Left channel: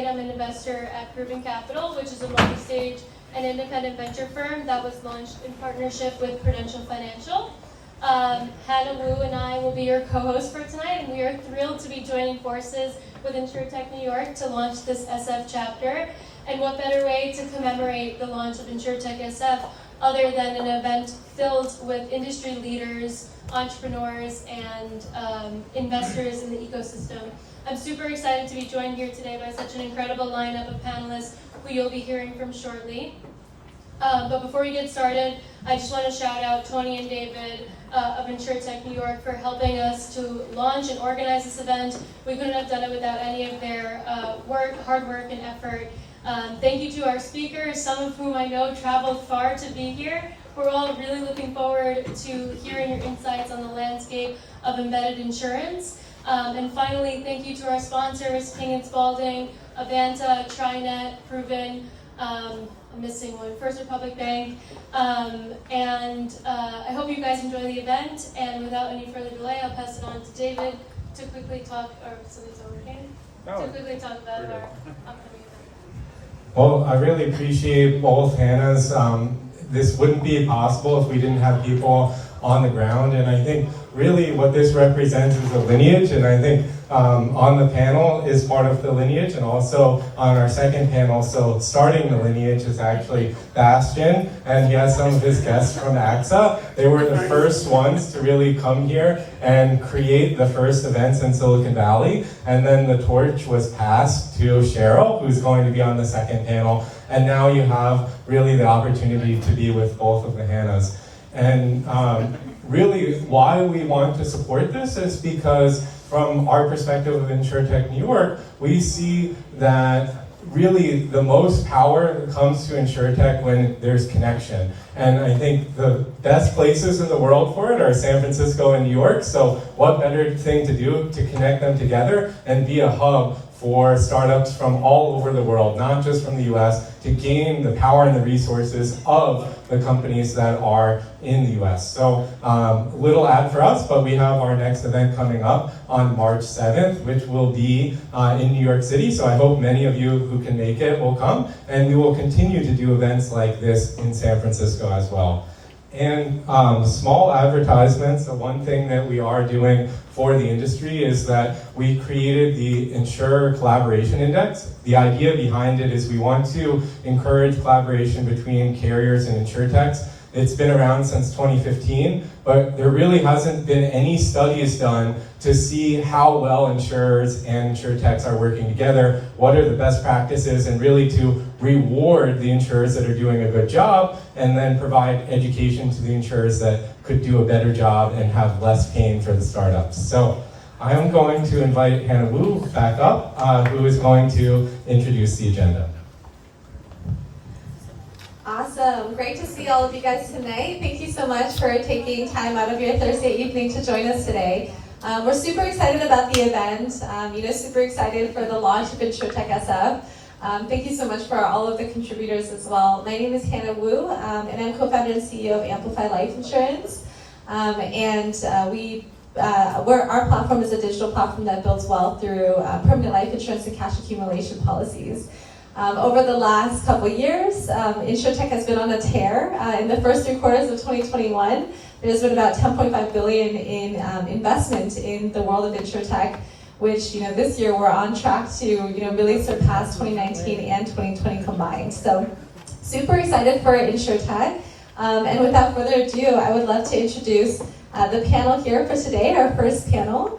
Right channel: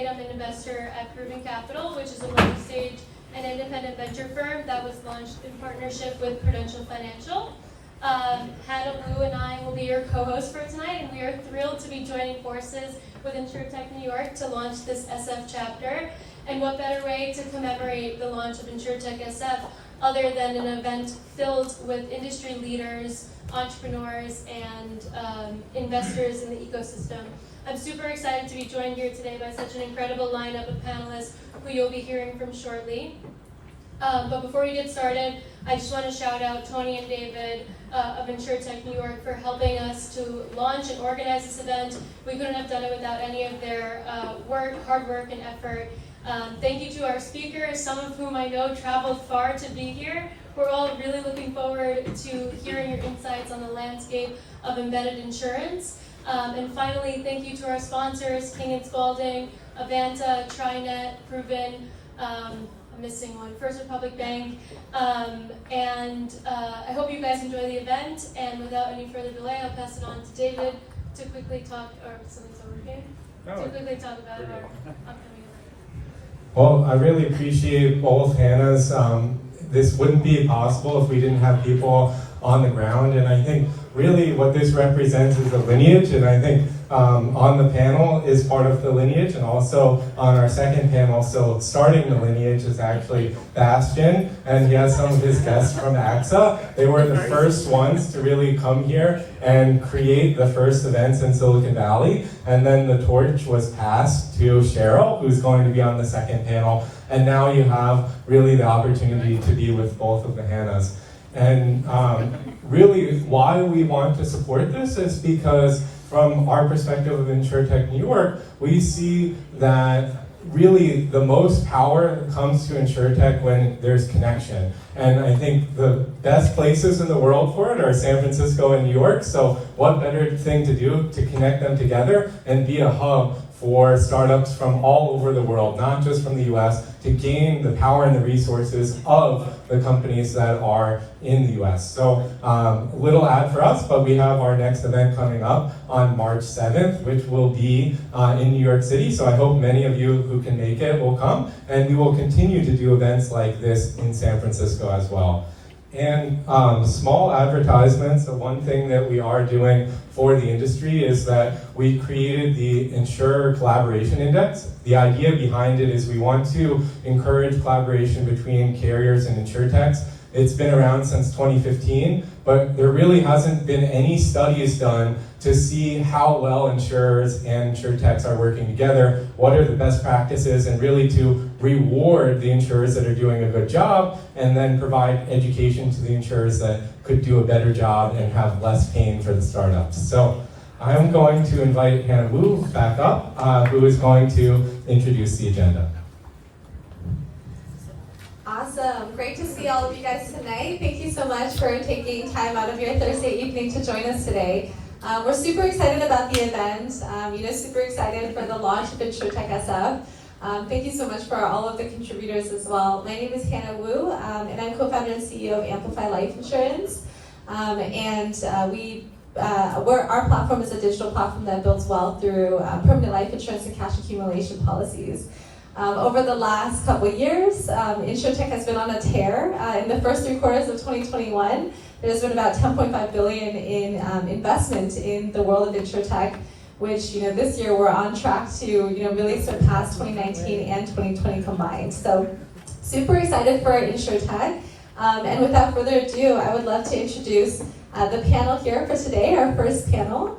Wade. I'm an investor at Proven Capital, which is a later-stage and independent venture firm that was launched in partnership with Prudential Financial. Hannah Wu and I will be your co-hosts for tonight, and we are thrilled to be joining forces with Insurtech New York to launch this SF chapter. And what better way to commemorate the launch of Insurtech SF other than an event filled with industry leaders, entrepreneurs, and investors in the ecosystem. I'm super excited to be joined here today by such an incredible lineup of panelists who you'll be hearing from shortly. But before we get started, I just want to shout out Tony and David of Insurtech New York for helping us to launch and organize this event. We couldn't have done it without any of their hard work and effort. Thank you to our speakers, some of whom I know traveled far to be here. We're all really looking forward to hearing your insights on the landscape of embedded insurance. And finally, thank you to our sponsors, King & Spalding, Avanta, TriNet, Proven, I'm missing one, First Republic Bank. I hope you guys enjoy the event. And without any further delay, I'll pass it on to David to quickly talk, or something's not working? To quickly talk about our upcoming event. Well, I really appreciate both Hannah's. This wouldn't be possible if we didn't have people on the ground, and I think really what this represents is a lineage, and I think on the panel is part of the lineage, and also on our second panel, so starting the lineage is actually Bastian, and he has some of his guests from AXA. They were the first ones to really come here and create the first events in Silicon Valley, and then the torch was passed to Cheryl, who's going to be on the second panel, and now you have really the opportunity to be with both of the Hannahs. And really why we want to support this is because from our perspective of Insurtech New York, we see that really the most power comes to Insurtech when there's connection. And I think the best places in the world for it are San Francisco and New York, so what better thing to do to connect them together and be a hub for startups from all over the world, not just from the US, to gain the power and the resources of the companies that are in the US. So little ad for us, but we have our next event coming up on March 7th, which will be in New York City. So I hope many of you who can make it will come, and we will continue to do events like this in San Francisco as well. And small advertisements, the one thing that we are doing for the industry is that we created the Insurer Collaboration Index. The idea behind it is we want to encourage collaboration between carriers and insurtechs. It's been around since 2015, but there really hasn't been any studies done to see how well insurers and insurtechs are working together, what are the best practices, and really to reward the insurers that are doing a good job, and then provide education to the insurers that could do a better job and have less pain for the startups. So I am going to invite Hannah Wu back up, who is going to introduce the agenda. Awesome. Great to see all of you guys tonight. Thank you so much for taking time out of your Thursday evening to join us today. We're super excited about the event, super excited for the launch of Insurtech SF. Thank you so much for all of the contributors as well. My name is Hannah Wu, and I'm co-founder and CEO of Amplify Life Insurance. Our platform is a digital platform that builds wealth through permanent life insurance and cash accumulation policies. Over the last couple of years, Insurtech has been on a tear. In the first 3 quarters of 2021, there's been about $10.5 billion in investment in the world of Insurtech, which this year we're on track to really surpass 2019 and 2020 combined. So super excited for Insurtech. And without further ado, I would love to introduce the panel here for today, our first panel.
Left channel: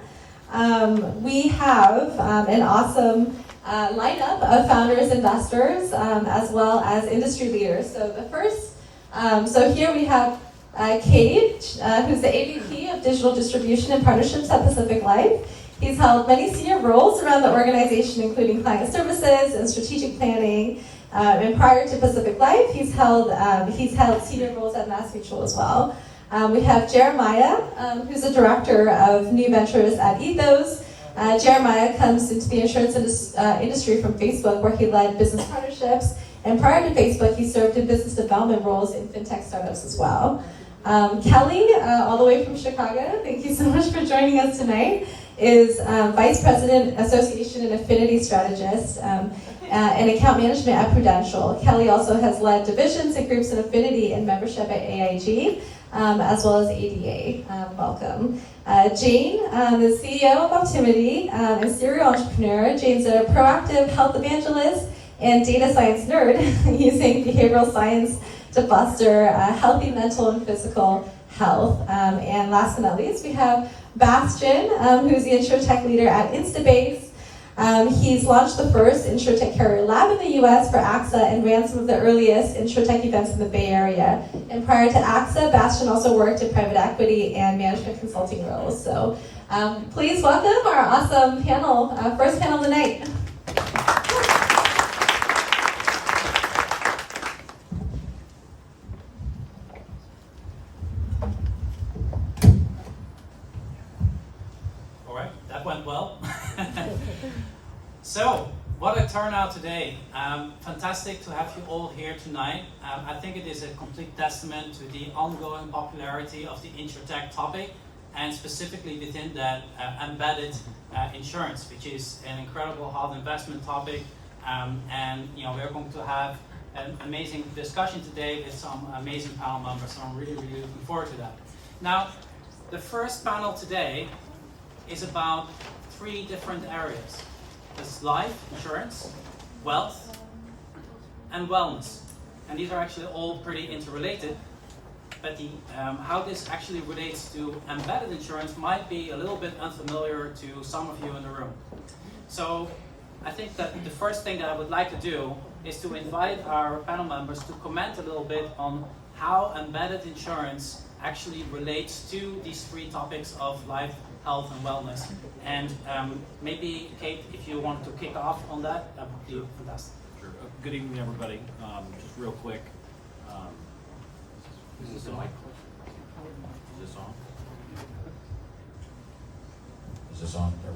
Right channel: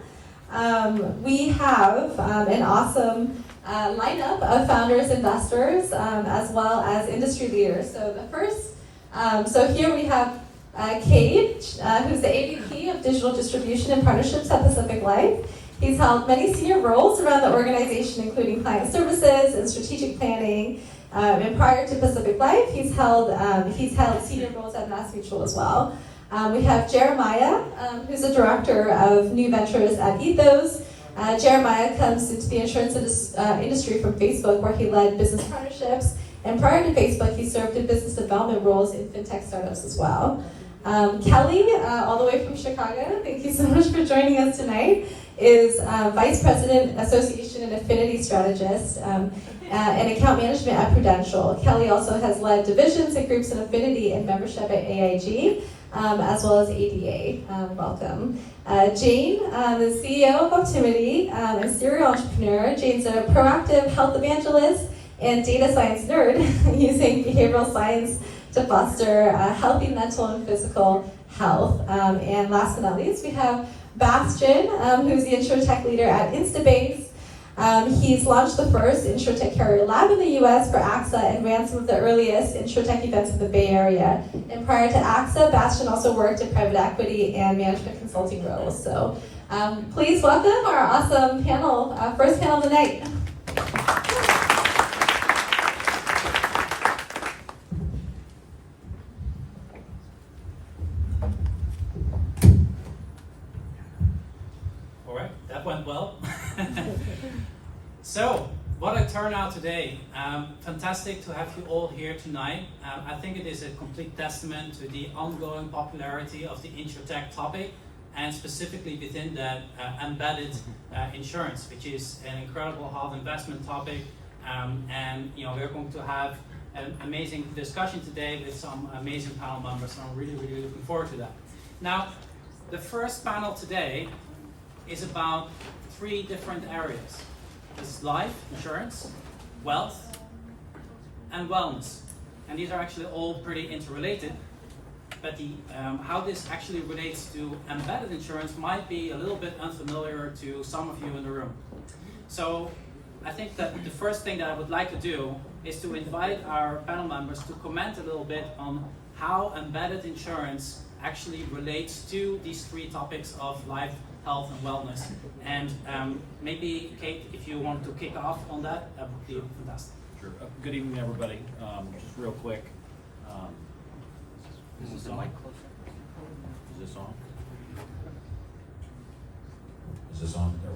We have an awesome lineup of founders, investors, as well as industry leaders. So the first, so here we have Cade, who's the AVP of Digital Distribution and Partnerships at Pacific Life. He's held many senior roles around the organization, including client services and strategic planning. And prior to Pacific Life, he's held senior roles at MassMutual as well. We have Jeremiah, who's the director of new ventures at Ethos. Jeremiah comes into the insurance industry from Facebook, where he led business partnerships. And prior to Facebook, he served in business development roles in fintech startups as well. Kelly, all the way from Chicago, thank you so much for joining us tonight, is Vice President, Association and Affinity Strategist and Account Management at Prudential. Kelly also has led divisions and groups in affinity and membership at AIG, as well as ADA. Welcome. Jane, the CEO of Optimity and serial entrepreneur. Jane's a proactive health evangelist and data science nerd using behavioral science to foster healthy mental and physical health. And last but not least, we have Bastian, who's the Insurtech leader at Instabase. He's launched the first Insurtech carrier lab in the US for AXA and ran some of the earliest Insurtech events in the Bay Area. And prior to AXA, Bastian also worked in private equity and management consulting roles. So please welcome our awesome panel, first panel of the night. All right, that went well. So, what a turnout today. Fantastic to have you all here tonight. I think it is a complete testament to the ongoing popularity of the Insurtech topic, and specifically within that embedded insurance, which is an incredible hot investment topic. And we're going to have an amazing discussion today with some amazing panel members, so I'm really, really looking forward to that. Now, the first panel today is about 3 different areas. There's life insurance, wealth, and wellness. And these are actually all pretty interrelated, but how this actually relates to embedded insurance might be a little bit unfamiliar to some of you in the room. So I think that the first thing that I would like to do is to invite our panel members to comment a little bit on how embedded insurance actually relates to these 3 topics of life, health, and wellness. And maybe, Kate, if you wanted to kick off on that, that would be fantastic. Sure. Good evening, everybody. Just real quick. Is this on? Is this on? Is this on? Let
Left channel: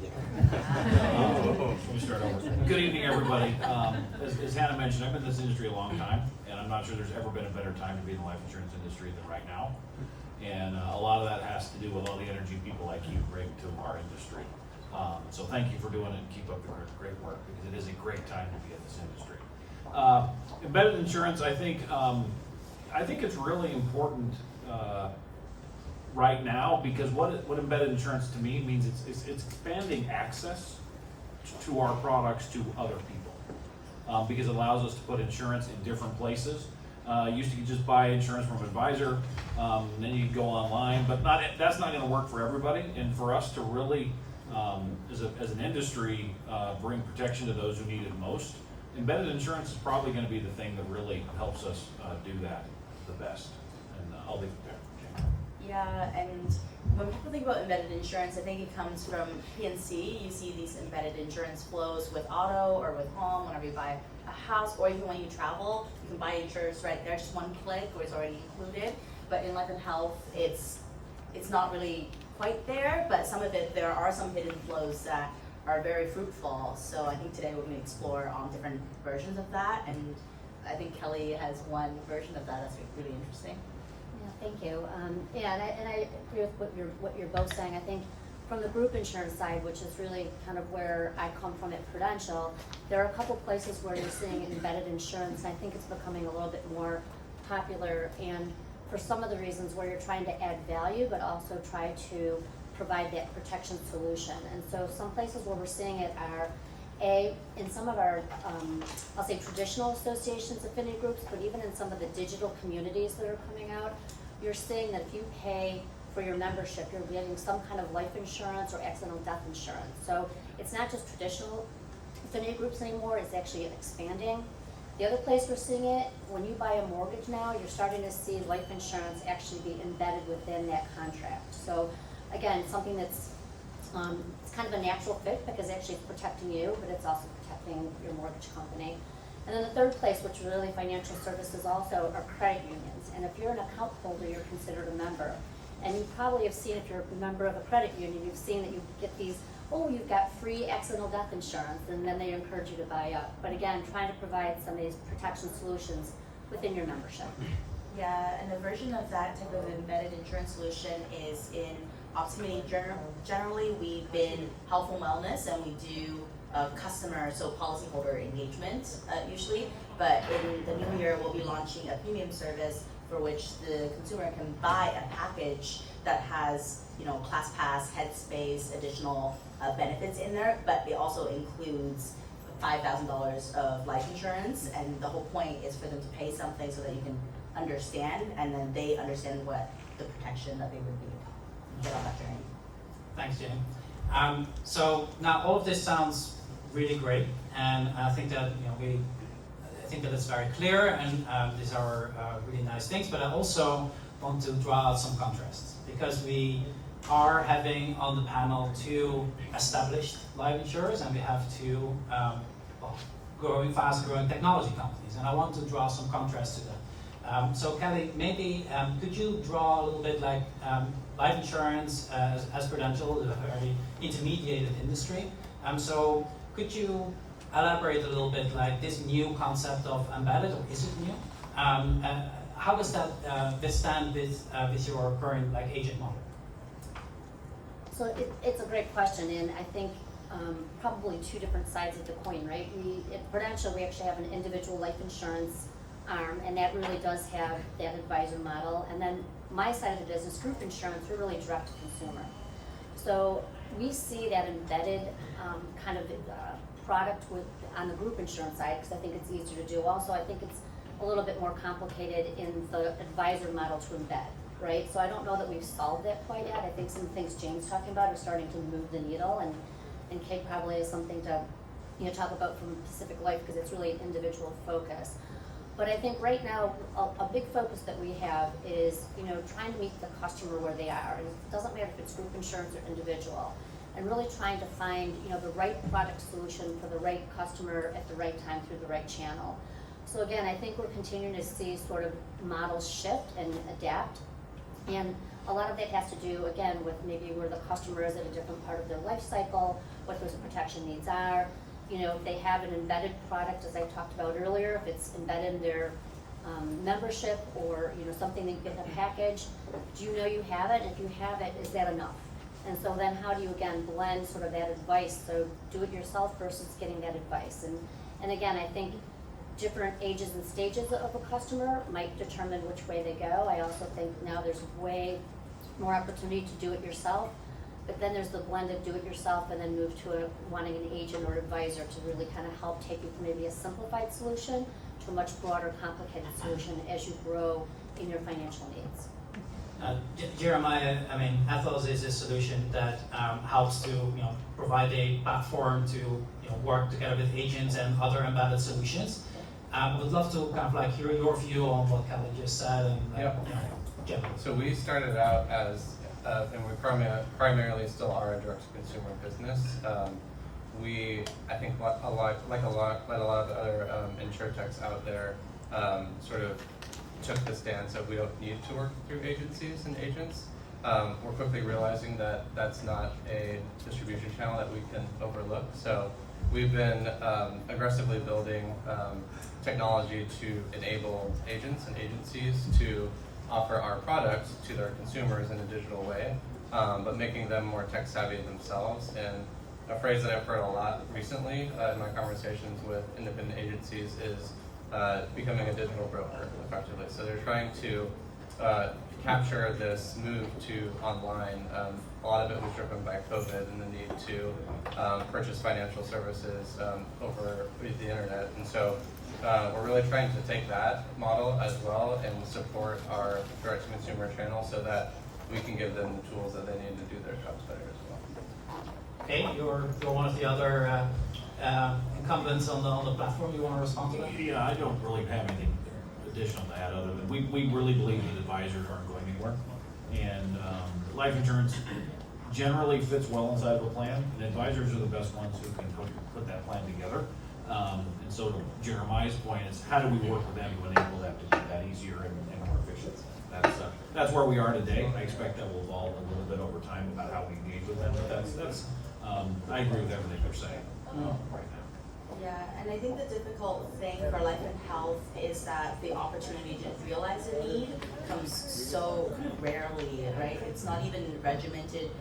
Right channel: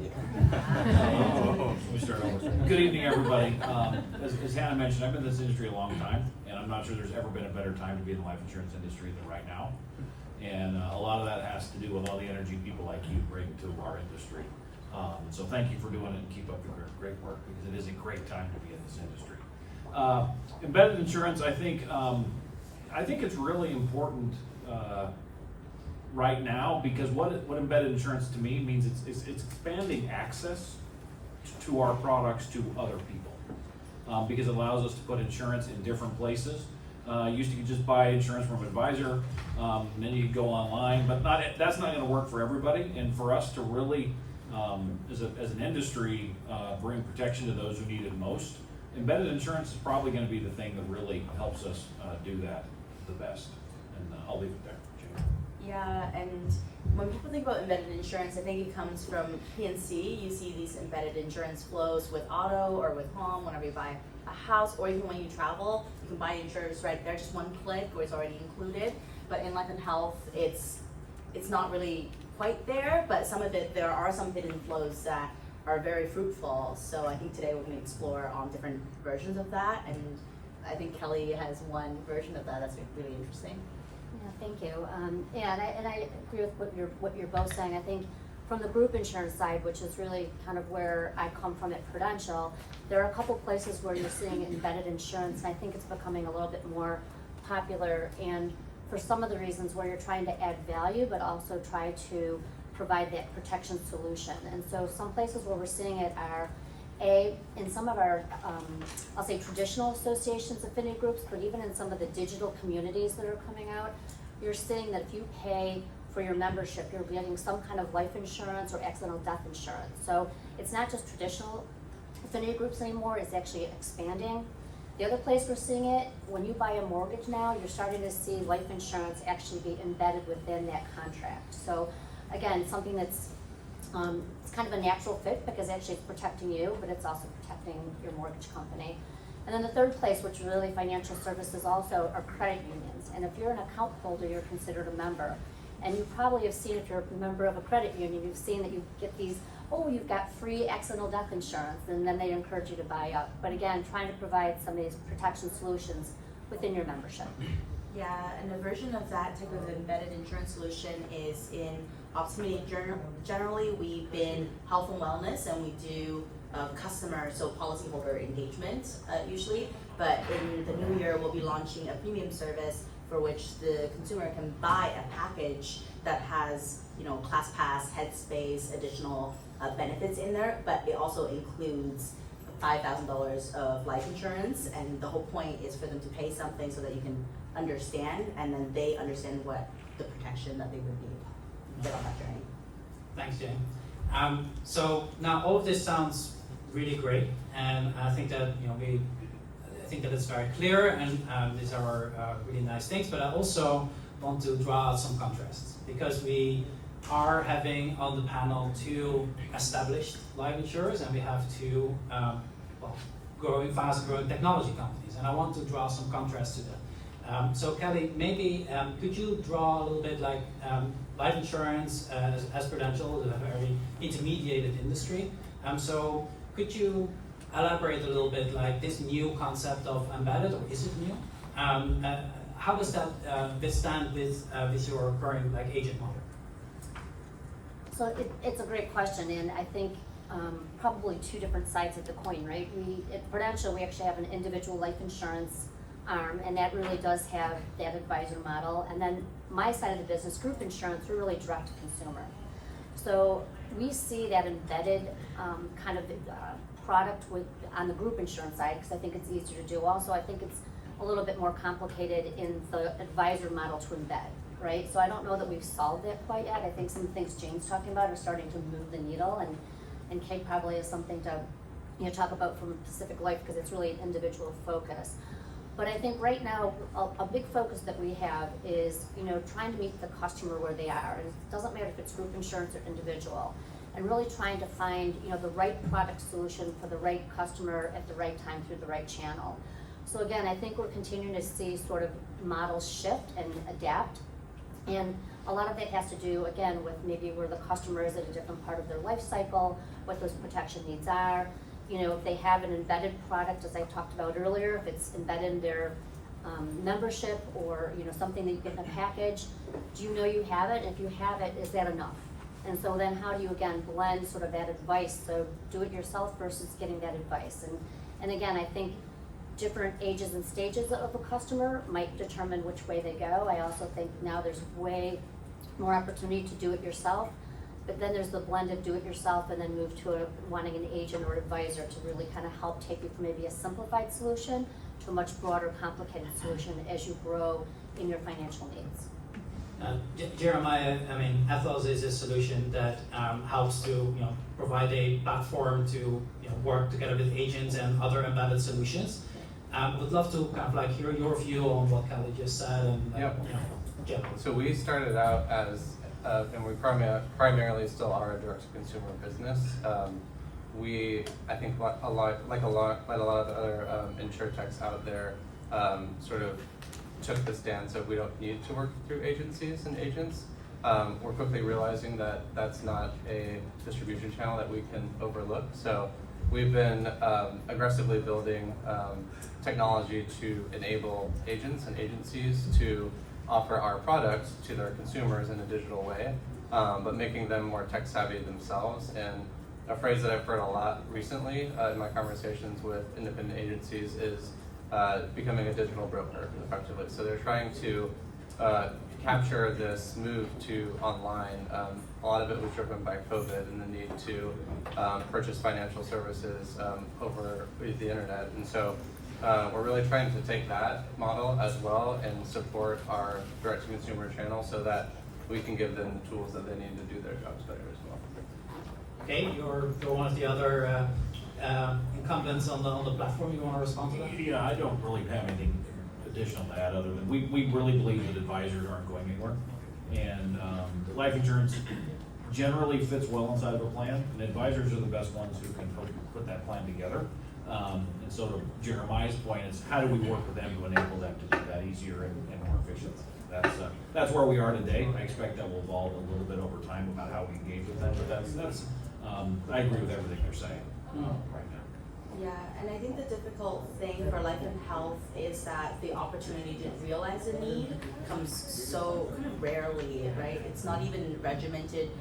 me start over. Good evening, everybody. As Hannah mentioned, I've been in this industry a long time, and I'm not sure there's ever been a better time to be in the life insurance industry than right now. And a lot of that has to do with all the energy people like you bring to our industry. So thank you for doing it and keep up the great work, because it is a great time to be in this industry. Embedded insurance, I think it's really important right now, because what embedded insurance to me means it's expanding access to our products to other people, because it allows us to put insurance in different places. Used to just buy insurance from an advisor, and then you could go online, but that's not going to work for everybody. And for us to really, as an industry, bring protection to those who need it most, embedded insurance is probably going to be the thing that really helps us do that the best. And I'll leave it there. Jane. Yeah, and when people think about embedded insurance, I think it comes from P&C. You see these embedded insurance flows with auto or with home whenever you buy a house, or even when you travel, you can buy insurance right there, just one click, or it's already included. But in life and health, it's not really quite there, but some of it, there are some hidden flows that are very fruitful. So I think today we're going to explore different versions of that, and I think Kelly has one version of that that's really interesting. Yeah, thank you. And I agree with what you're both saying. I think from the group insurance side, which is really kind of where I come from at Prudential, there are a couple places where you're seeing embedded insurance, and I think it's becoming a little bit more popular, and for some of the reasons where you're trying to add value, but also try to provide that protection solution. And so some places where we're seeing it are in some of our, I'll say traditional associations, affinity groups, but even in some of the digital communities that are coming out, you're seeing that if you pay for your membership, you're getting some kind of life insurance or accidental death insurance. So it's not just traditional affinity groups anymore, it's actually expanding. The other place we're seeing it, when you buy a mortgage now, you're starting to see life insurance actually be embedded within that contract. So again, something that's it's kind of a natural fit, because actually it's protecting you, but it's also protecting your mortgage company. And then the third place, which really financial services also, are credit unions. And if you're an account holder, you're considered a member. And you probably have seen, if you're a member of a credit union, you've seen that you get these, oh, you've got free accidental death insurance, and then they encourage you to buy up. But again, trying to provide some of these protection solutions within your membership. Yeah, and a version of that type of embedded insurance solution is in Optimity. Generally, we've been health and wellness, and we do customer, so policyholder engagement usually. But in the new year, we'll be launching a premium service for which the consumer can buy a package that has, ClassPass, Headspace, additional benefits in there, but it also includes $5,000 of life insurance, and the whole point is for them to pay something so that you can understand, and then they understand what the protection that they would need to get on that journey. Thanks, Jane. So now all of this sounds really great, and I think that I think that it's very clear, and these are really nice things. But I also want to draw out some contrasts, because we are having on the panel 2 established life insurers, and we have 2 fast-growing technology companies, and I want to draw some contrast to them. So Kelly, maybe could you draw a little bit like life insurance as Prudential is a very intermediated industry. So could you elaborate a little bit like this new concept of embedded, or is it new? How does that withstand with your current agent model? So it's a great question, and I think probably 2 different sides of the coin, right? At Prudential, we actually have an individual life insurance arm, and that really does have that advisor model. And then my side of the business, group insurance, we're really direct to consumer. So we see that embedded kind of product on the group insurance side, because I think it's easier to do. Also, I think it's a little bit more complicated in the advisor model to embed, right? So I don't know that we've solved it quite yet. I think some of the things Jane's talking about are starting to move the needle, and Kate probably has something to talk about from Pacific Life, because it's really an individual focus. But I think right now, a big focus that we have is, trying to meet the customer where they are. And it doesn't matter if it's group insurance or individual. And really trying to find, the right product solution for the right customer at the right time through the right channel. So again, I think we're continuing to see sort of models shift and adapt. And a lot of that has to do, again, with maybe where the customer is at a different part of their life cycle, what those protection needs are. If they have an embedded product, as I talked about earlier, if it's embedded in their membership, or something that you get in a package, do you know you have it? If you have it, is that enough? And so then how do you again blend sort of that advice? So do it yourself versus getting that advice. And again, I think different ages and stages of a customer might determine which way they go. I also think now there's way more opportunity to do it yourself. But then there's the blend of do it yourself and then move to wanting an agent or advisor to really kind of help take you from maybe a simplified solution to a much broader, complicated solution as you grow in your financial needs. Jeremiah, Ethos is a solution that helps to provide a platform to work together with agents and other embedded solutions. I would love to kind of hear your view on what Kelly just said. And So we started out as and we primarily still are a direct-to-consumer business. I think like a lot of other Insurtechs out there, sort of took the stance of we don't need to work through agencies and agents. We're quickly realizing that that's not a distribution channel that we can overlook. So we've been aggressively building technology to enable agents and agencies to offer our products to their consumers in a digital way, but making them more tech savvy themselves. And a phrase that I've heard a lot recently in my conversations with independent agencies is becoming a digital broker, effectively. So they're trying to capture this move to online. A lot of it was driven by COVID and the need to purchase financial services over the internet. And so we're really trying to take that model as well and support our direct-to-consumer channel so that we can give them the tools that they need to do their jobs better as well. Okay, you're one of the other incumbents on the platform. You want to respond to that? Yeah, I don't really have anything additional to add other than we really believe that advisors aren't going anywhere. And life insurance generally fits well inside of a plan, and advisors are the best ones who can help you put that plan together. And so to Jeremiah's point is how do we work with them to enable them to do that easier and more efficient? That's where we are today. I expect that will evolve a little bit over time about how we engage with them, but that's I agree with everything they're saying right now. Yeah, and I think the difficult thing for life and health is that the opportunity to realize a need comes so kind of rarely, right? It's not even regimented.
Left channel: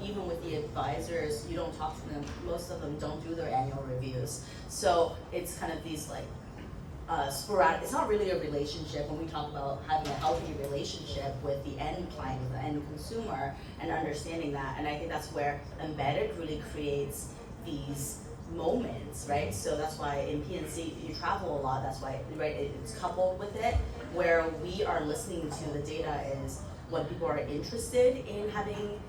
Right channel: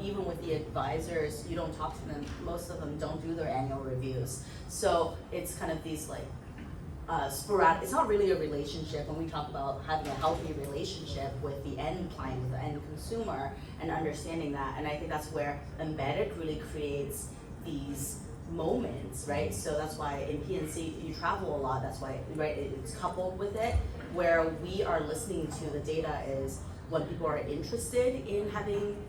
Even with the advisors, you don't talk to them. Most of them don't do their annual reviews. So it's kind of these like sporadic. It's not really a relationship. When we talk about having a healthy relationship with the end client, the end consumer, and understanding that, and I think that's where embedded really creates these moments, right? So that's why in PNC you travel a lot. That's why, right? It's coupled with it, where we are listening to the data is when people are interested in having.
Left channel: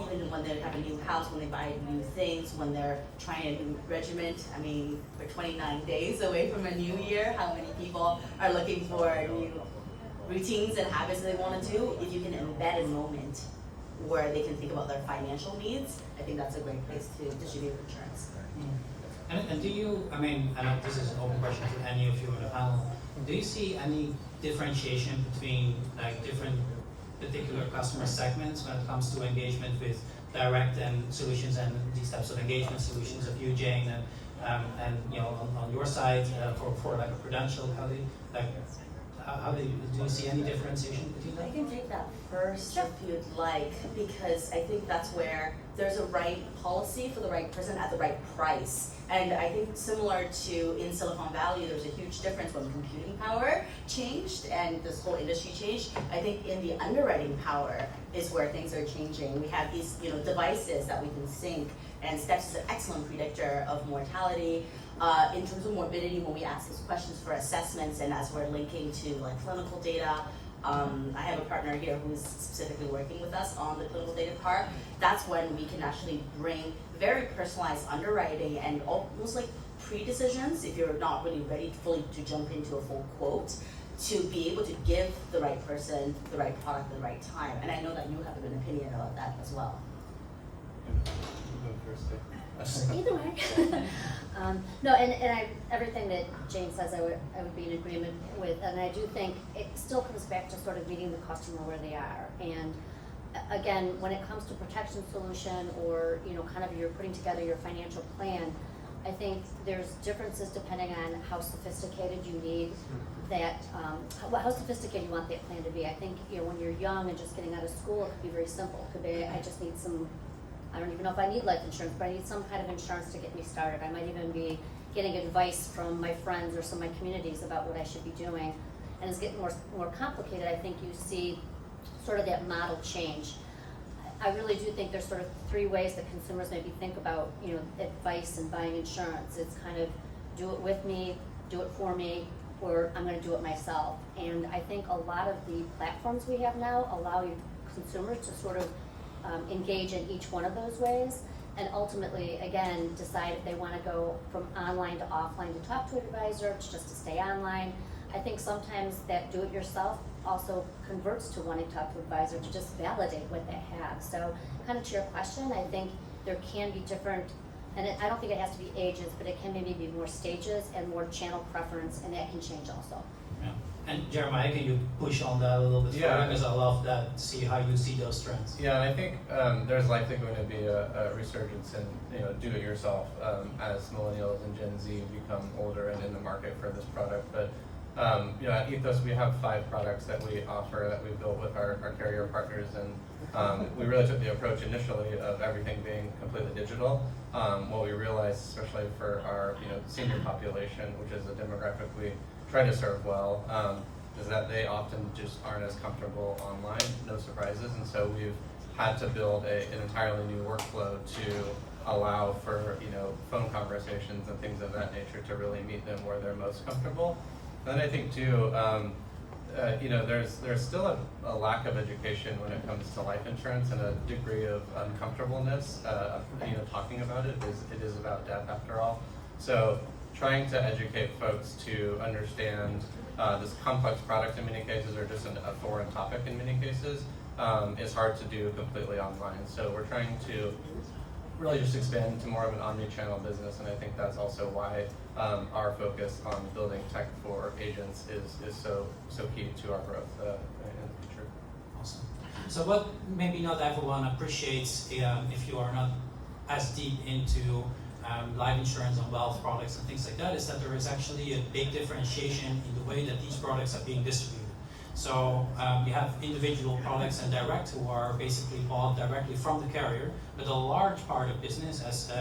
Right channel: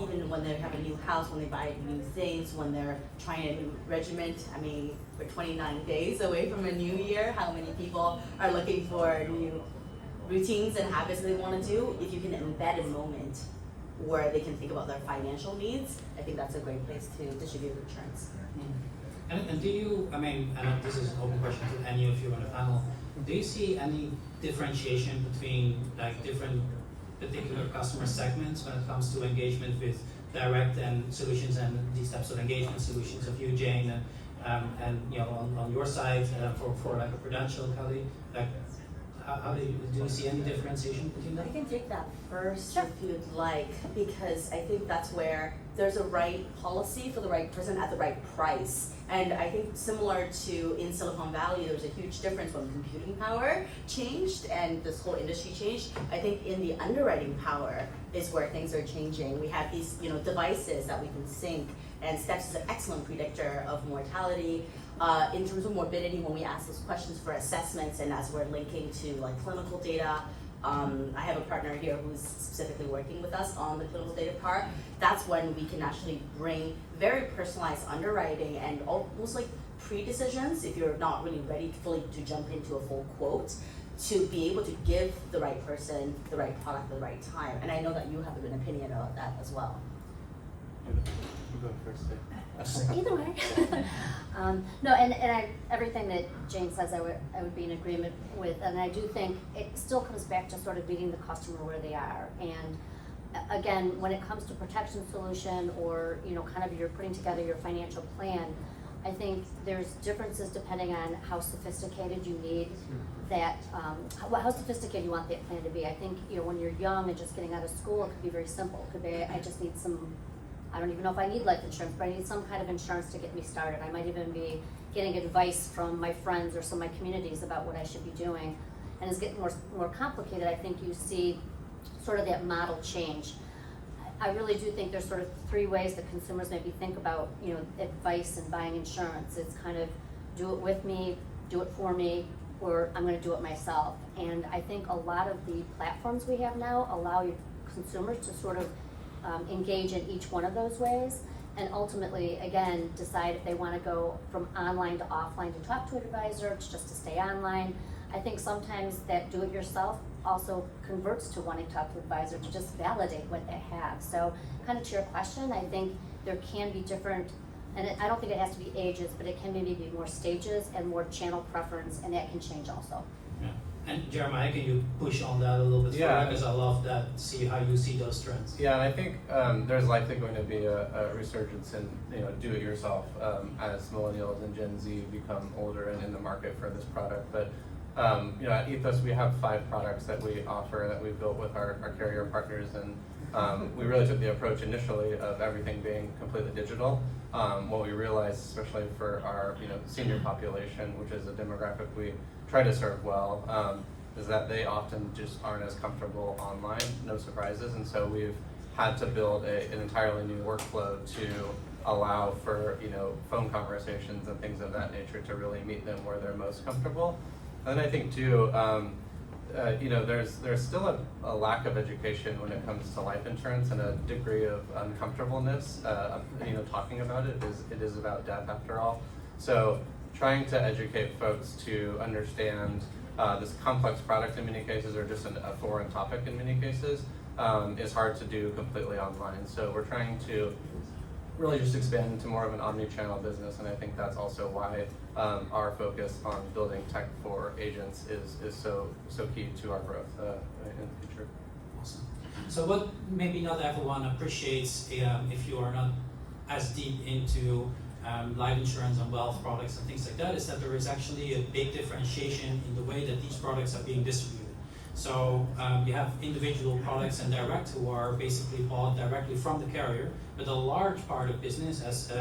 Even when they have a new house, when they buy new things, when they're trying a new regiment. I mean, we're 29 days away from a new year. How many people are looking for new routines and habits they want to do? If you can embed a moment where they can think about their financial needs, I think that's a great place to distribute insurance. And do you, I mean, and this is an open question to any of you on the panel, do you see any differentiation between like different particular customer segments when it comes to engagement with direct and solutions and these types of engagement solutions of you, Jane, and you know on your side for like a Prudential colleague, like how do you see any differentiation between I that? can take that first if you'd like, because I think that's where there's a right policy for the right person at the right price. And I think similar to in Silicon Valley, there was a huge difference when computing power changed and this whole industry changed. I think in the underwriting power is where things are changing. We have these, devices that we can sync, and STEPS is an excellent predictor of mortality. In terms of morbidity, when we ask those questions for assessments and as we're linking to like clinical data, I have a partner here who's specifically working with us on the clinical data part. That's when we can actually bring very personalized underwriting and almost like pre-decisions, if you're not really ready fully to jump into a full quote, to be able to give the right person the right product at the right time. And I know that you have an opinion about that as well. Either way. No, and everything that Jane says I would be in agreement with, and I do think it still comes back to sort of meeting the customer where they are. And again, when it comes to protection solution or kind of you're putting together your financial plan, I think there's differences depending on how sophisticated you need that, how sophisticated you want that plan to be. I think when you're young and just getting out of school, it could be very simple. It could be I just need some. I don't even know if I need life insurance, but I need some kind of insurance to get me started. I might even be getting advice from my friends or some of my communities about what I should be doing. And it's getting more complicated. I think you see sort of that model change. I really do think there's sort of three ways that consumers maybe think about, advice and buying insurance. It's kind of do it with me, do it for me, or I'm going to do it myself. And I think a lot of the platforms we have now allow consumers to sort of engage in each one of those ways, and ultimately, again, decide if they want to go from online to offline to talk to an advisor, to just to stay online. I think sometimes that do-it-yourself also converts to wanting to talk to an advisor to just validate what they have. So, kind of to your question, I think there can be different, and I don't think it has to be ages, but it can maybe be more stages and more channel preference, and that can change also. Yeah. And Jeremiah, can you push on that a little bit further? Yeah. Because I love that, see how you see those trends. Yeah, I think there's likely going to be a resurgence in do-it-yourself as millennials and Gen Z become older and in the market for this product. But at Ethos we have 5 products that we offer that we built with our carrier partners, and we really took the approach initially of everything being completely digital. What we realized, especially for our senior population, which is a demographic we try to serve well, is that they often just aren't as comfortable online, no surprises, and so we've had to build an entirely new workflow to allow for phone conversations and things of that nature to really meet them where they're most comfortable. And I think too, there's still a lack of education when it comes to life insurance and a degree of uncomfortableness. Talking about it is about death after all. So trying to educate folks to understand this complex product in many cases, or just a foreign topic in many cases, is hard to do completely online. So we're trying to really just expand into more of an omni-channel business, and I think that's also why our focus on building tech for agents is so key to our growth in the future. Awesome. So what maybe not everyone appreciates if you are not as deep into life insurance and wealth products and things like that is that there is actually a big differentiation in the way that these products are being distributed. So we have individual products and direct who are basically bought directly from the carrier, but a large part of business, as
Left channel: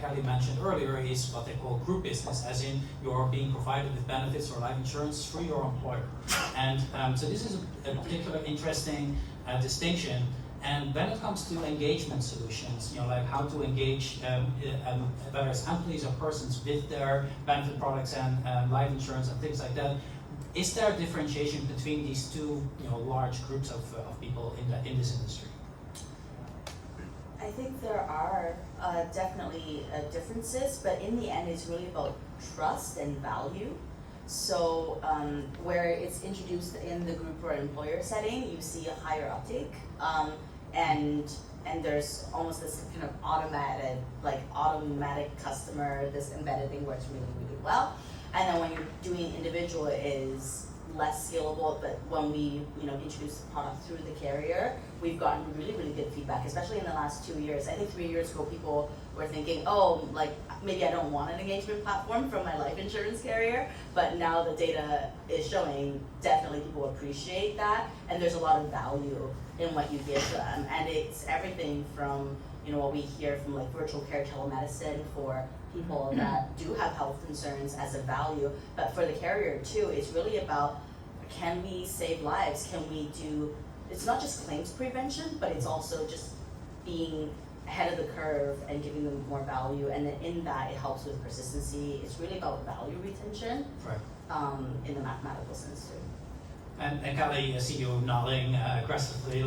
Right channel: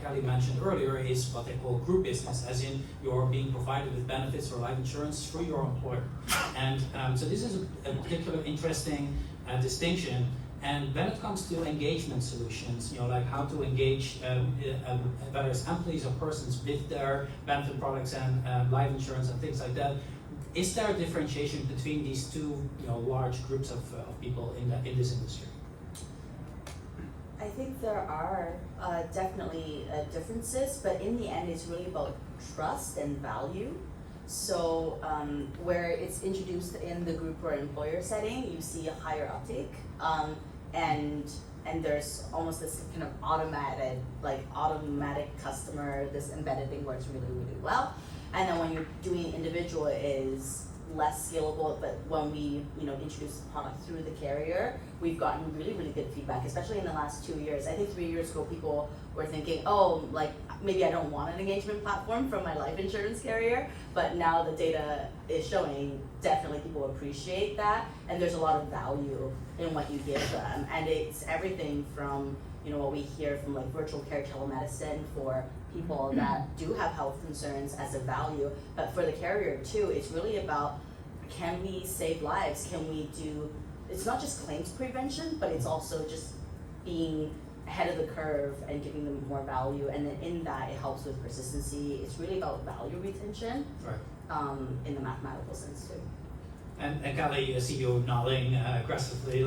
Kelly mentioned earlier, is what they call group business, as in you're being provided with benefits or life insurance through your employer. And so this is a particular interesting distinction. And when it comes to engagement solutions, like how to engage whether it's employees or persons with their benefit products and life insurance and things like that, is there a differentiation between these two, large groups of people in this industry? I think there are definitely differences, but in the end, it's really about trust and value. So where it's introduced in the group or employer setting, you see a higher uptake, and there's almost this kind of automatic customer. This embedded thing works really, really well. And then when you're doing individual, it is less scalable, but when we introduce the product through the carrier, we've gotten really, really good feedback, especially in the last 2 years. I think 3 years ago, people were thinking, oh, maybe I don't want an engagement platform from my life insurance carrier, but now the data is showing definitely people appreciate that, and there's a lot of value in what you give them. And it's everything from what we hear from virtual care telemedicine for people that do have health concerns as a value, but for the carrier too, it's really about, can we save lives? Can we do, it's not just claims prevention, but it's also just being ahead of the curve and giving them more value, and then in that it helps with persistency. It's really about value retention, right. In the mathematical sense too. And Kelly, I see you nodding aggressively,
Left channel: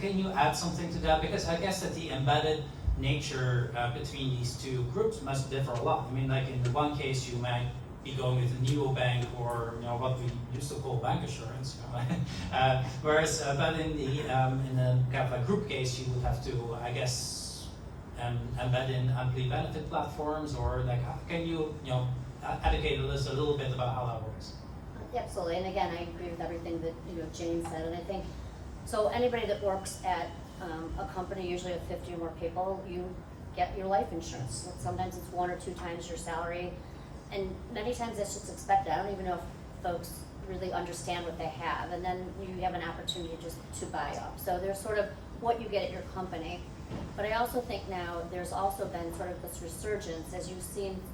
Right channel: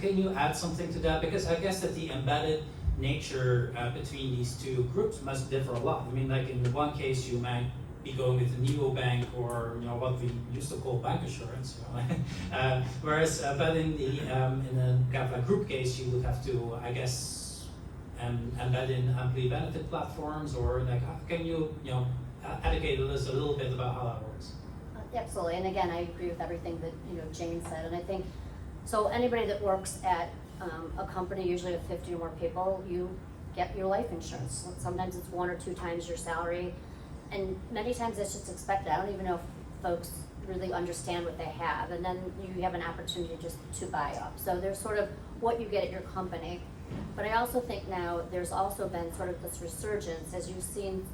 can you add something to that? Because I guess that the embedded nature between these two groups must differ a lot. I mean, in the one case, you might be going with a neobank or what we used to call bank assurance. Whereas, but in a kind of a group case, you would have to, I guess, embed in employee benefit platforms, or can you educate us a little bit about how that works? Absolutely, and again, I agree with everything that Jane said, and I think so. Anybody that works at a company, usually with 50 or more people, you get your life insurance. Sometimes it's 1 or 2 times your salary, and many times it's just expected. I don't even know if folks really understand what they have, and then you have an opportunity just to buy up. So there's sort of what you get at your company, but I also think now there's also been sort of this resurgence as you've seen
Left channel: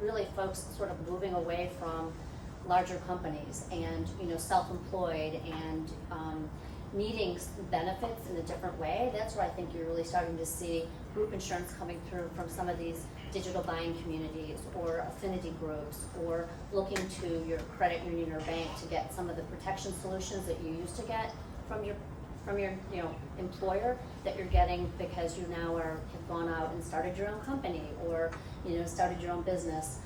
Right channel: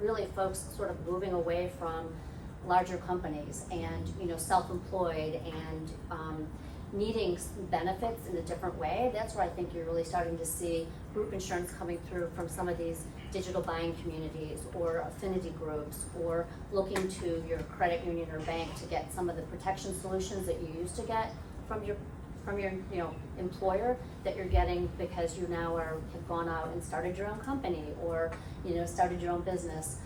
really folks sort of moving away from larger companies and self-employed and needing benefits in a different way. That's where I think you're really starting to see group insurance coming through from some of these digital buying communities or affinity groups, or looking to your credit union or bank to get some of the protection solutions that you used to get from your employer that you're getting because you now have gone out and started your own company or started your own business.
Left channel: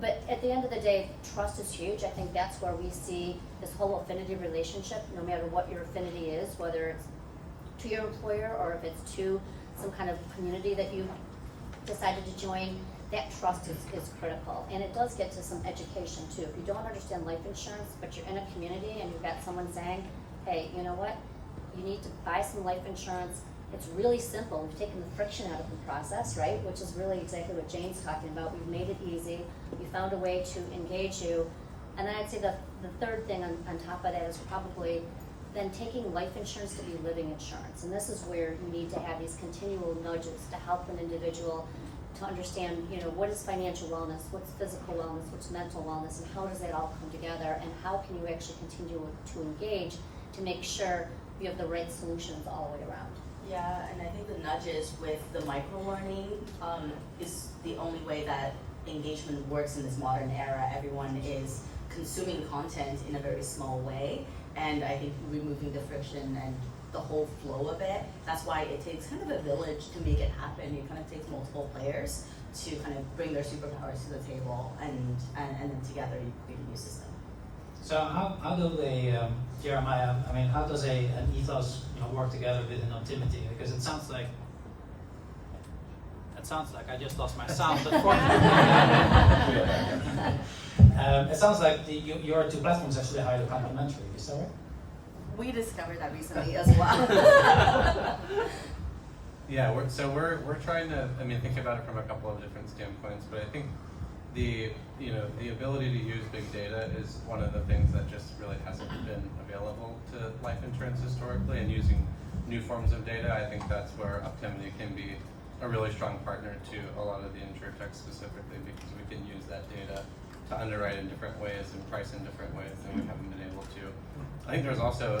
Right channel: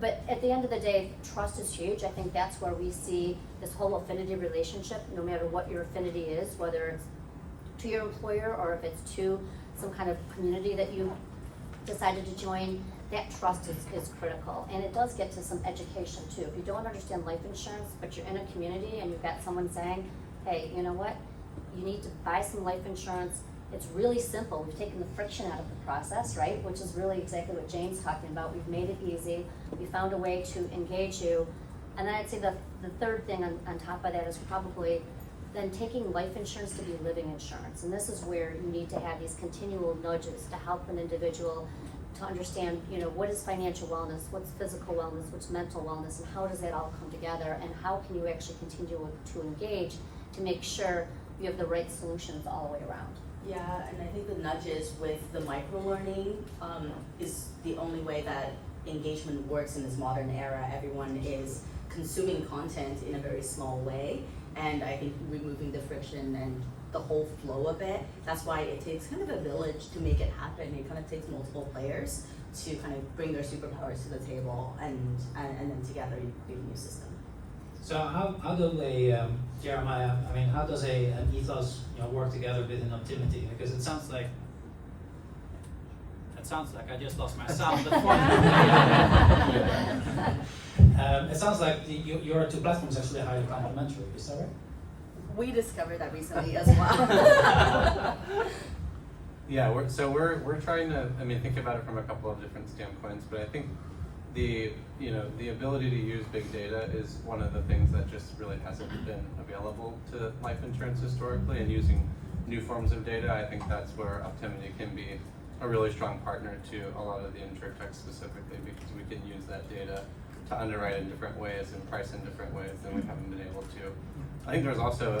But at the end of the day, trust is huge. I think that's where we see this whole affinity relationship, no matter what your affinity is, whether it's to your employer or if it's to some kind of community that you decided to join, that trust is critical. And it does get to some education too. If you don't understand life insurance, but you're in a community and you've got someone saying, hey, you know what, you need to buy some life insurance. It's really simple. We've taken the friction out of the process, right? Which is really exactly what Jane's talking about. We've made it easy. We found a way to engage you. And then I'd say the third thing on top of that is probably then taking life insurance to be living insurance. And this is where you need to have these continual nudges to help an individual to understand, what is financial wellness, what's physical wellness, what's mental wellness, and how does that all come together, and how can you actually continue to engage to make sure you have the right solutions all the way around. Yeah, and I think the nudges with the micro-learning is the only way that engagement works in this modern era. Everyone is consuming content in a very small way, and I think removing the friction and the whole flow of it, that's why it takes kind of a village to make it happen. It kind of takes multiple players to kind of bring their superpowers to the table, and then together you create a new system. So how do they, Jeremiah, how does an ethos work together with an optimity? Because it sounds like I just lost my sound before. It sounds like your two platforms actually are highly complementary, is that right? We discovered that recently as well. Yeah, we're trying to, I mean, think about it from a couple of different standpoints, but I think the ability to use big data is one of the things that just really hasn't been available to life insurance historically, and using new forms of data, I think that's where Optimity can be a really strong partner to a lot of the Insurtech specifically, because we can use that data to underwrite in different ways and price in different ways than we haven't been able to. I think there's also,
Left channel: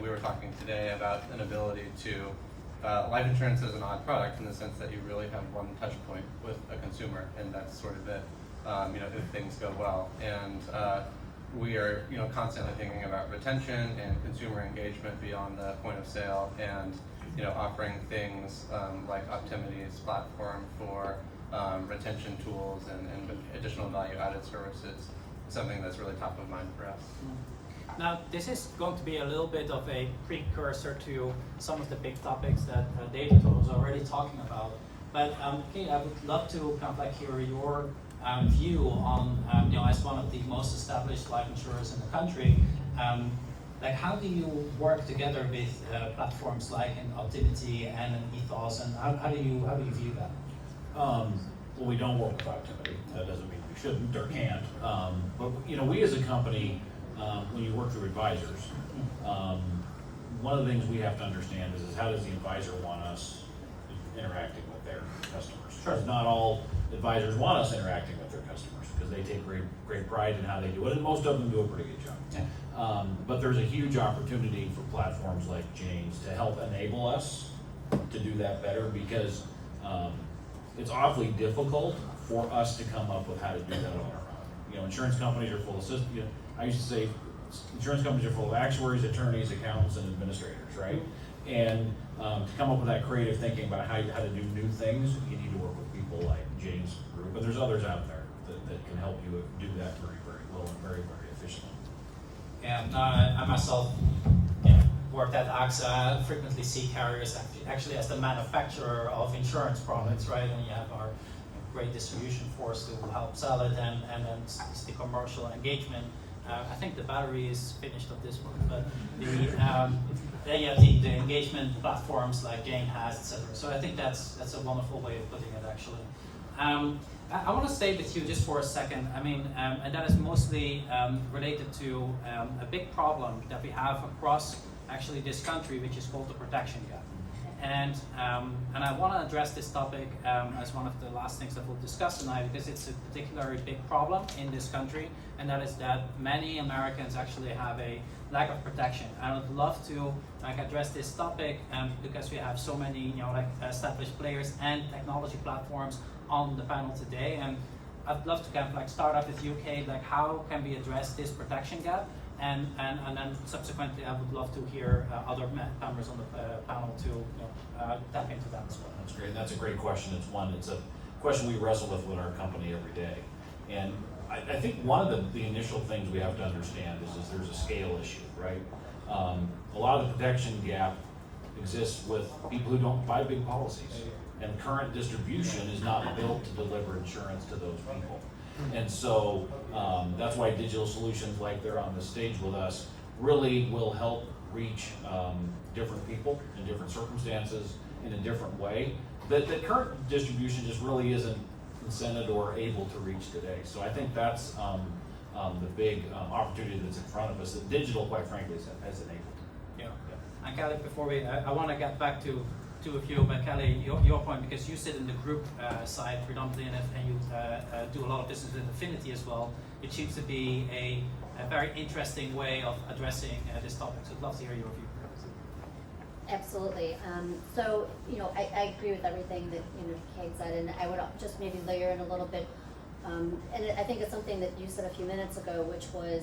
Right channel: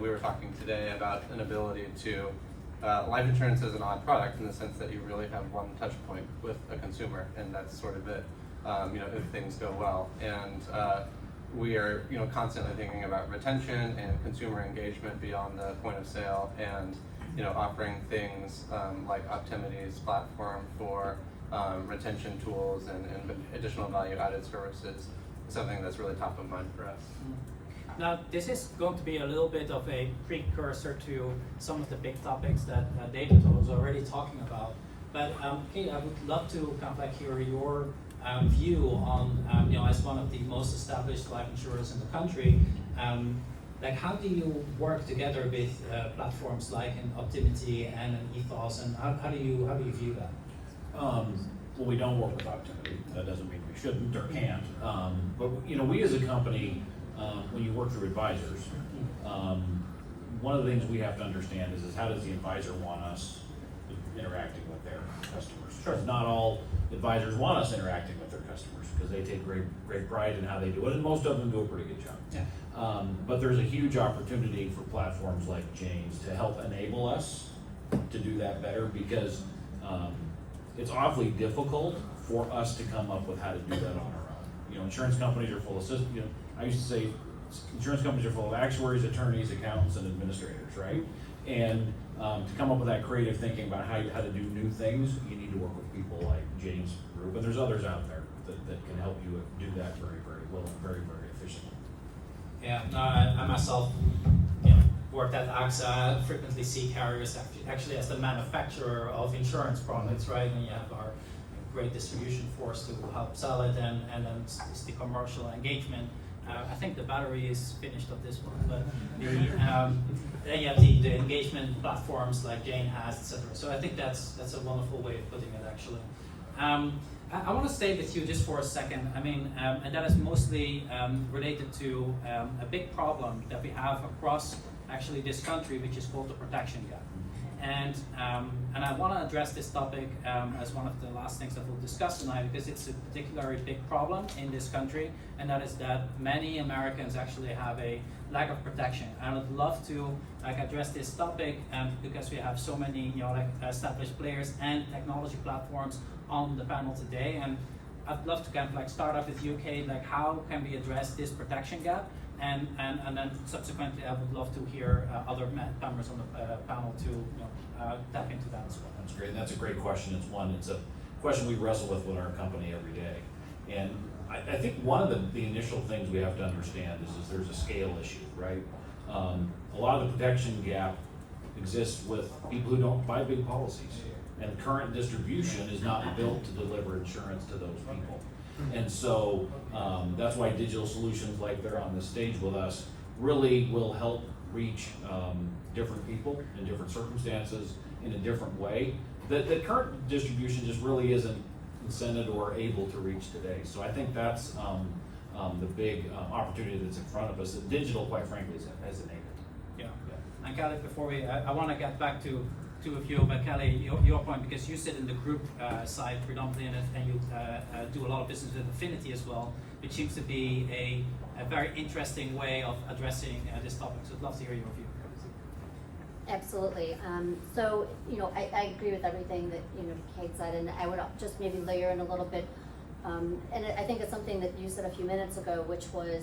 we were talking today about an ability to, life insurance is an odd product in the sense that you really have one touch point with a consumer, and that's sort of it, if things go well. And we are, constantly thinking about retention and consumer engagement beyond the point of sale, and, offering things like Optimity's platform for retention tools and additional value-added services is something that's really top of mind for us. Now, this is going to be a little bit of a precursor to some of the big topics that David was already talking about. But I would love to kind of like hear your view on, as one of the most established life insurers in the country, like how do you work together with platforms like an Optimity and an Ethos, and how do you view that? Well, we don't work with Optimity. That doesn't mean we shouldn't or can't. But we as a company, when you work through advisors, one of the things we have to understand is how does the advisor want us interacting with their customers? Sure. Not all advisors want us interacting with their customers because they take great pride in how they do it, and most of them do a pretty good job. Yeah. But there's a huge opportunity for platforms like Jane's to help enable us to do that better, because it's awfully difficult for us to come up with how to do that on our own. Insurance companies are full of systems. I used to say insurance companies are full of actuaries, attorneys, accountants, and administrators, right? And to come up with that creative thinking about how to do new things, you need to work with people like Jane's group, and there's others out there that can help you do that very, very well and very, very efficiently. Yeah, no, I myself worked at AXA. Frequently see carriers actually as the manufacturer of insurance products, right? And you have our great distribution force to help sell it, and then it's the commercial engagement. I think the battery is finished of this one, but then you have the engagement platforms like Jane has, etc. So I think that's a wonderful way of putting it, actually. I want to stay with you just for a second. I mean, and that is mostly related to a big problem that we have across actually this country, which is called the protection gap. And I want to address this topic as one of the last things that we'll discuss tonight, because it's a particularly big problem in this country, and that is that many Americans actually have a lack of protection. I would love to address this topic because we have so many established players and technology platforms on the panel today, and I'd love to kind of start off with you, Kate. How can we address this protection gap? And then subsequently, I would love to hear other members on the panel to tap into that as well. That's great. That's a great question. It's a question we wrestle with our company every day. And I think one of the initial things we have to understand is there's a scale issue, right? A lot of the protection gap exists with people who don't buy big policies, and current distribution is not built to deliver insurance to those people. And so that's why digital solutions like they're on the stage with us really will help reach different people in different circumstances in a different way that current distribution just really isn't incented or able to reach today. So I think that's the big opportunity that's in front of us that digital, quite frankly, has enabled. Yeah. And Kelly, before I want to get back to a few, but Kelly, your point, because you sit in the group side predominantly, and you do a lot of business with Affinity as well. It seems to be a very interesting way of addressing this topic. So I'd love to hear your view. Absolutely. So, I agree with everything that Kate said, and I would just maybe layer in a little bit. And I think it's something that you said a few minutes ago, which was,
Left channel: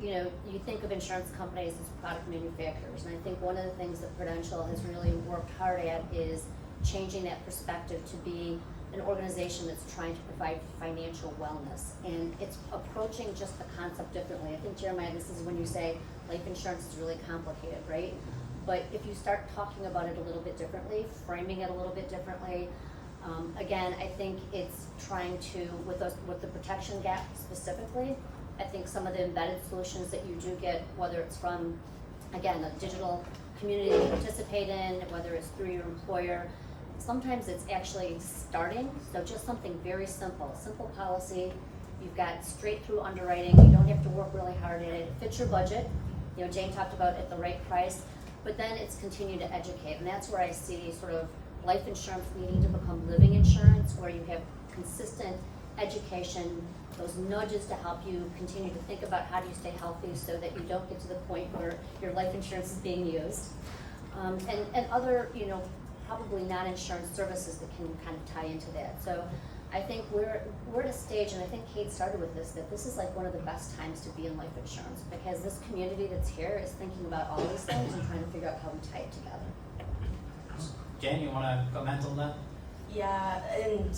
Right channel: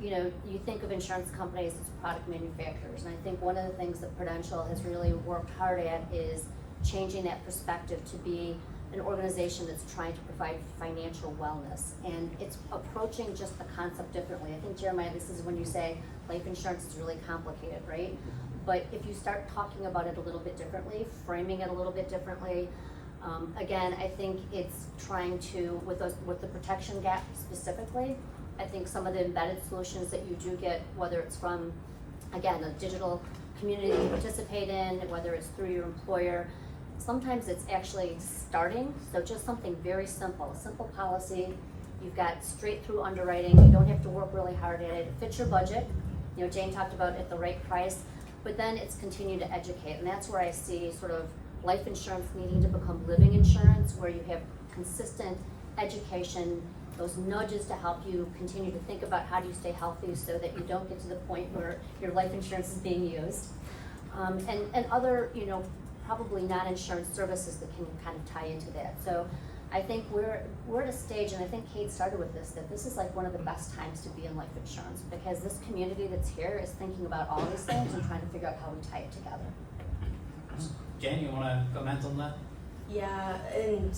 you think of insurance companies as product manufacturers, and I think one of the things that Prudential has really worked hard at is changing that perspective to be an organization that's trying to provide financial wellness, and it's approaching just the concept differently. I think, Jeremiah, this is when you say life insurance is really complicated, right? But if you start talking about it a little bit differently, framing it a little bit differently, again, I think it's trying to, with the protection gap specifically, I think some of the embedded solutions that you do get, whether it's from, again, a digital community you participate in, whether it's through your employer, sometimes it's actually starting, so just something very simple policy. You've got straight through underwriting, you don't have to work really hard at it, it fits your budget. You know, Jane talked about at the right price, but then it's continue to educate, and that's where I see sort of life insurance needing to become living insurance, where you have consistent education, those nudges to help you continue to think about how do you stay healthy so that you don't get to the point where your life insurance is being used. And other, you know, probably non-insurance services that can kind of tie into that. So I think we're at a stage, and I think Kate started with this, that this is like one of the best times to be in life insurance, because this community that's here is thinking about all these things and trying to figure out how we tie it together. Jen, you want to comment on that? Yeah, and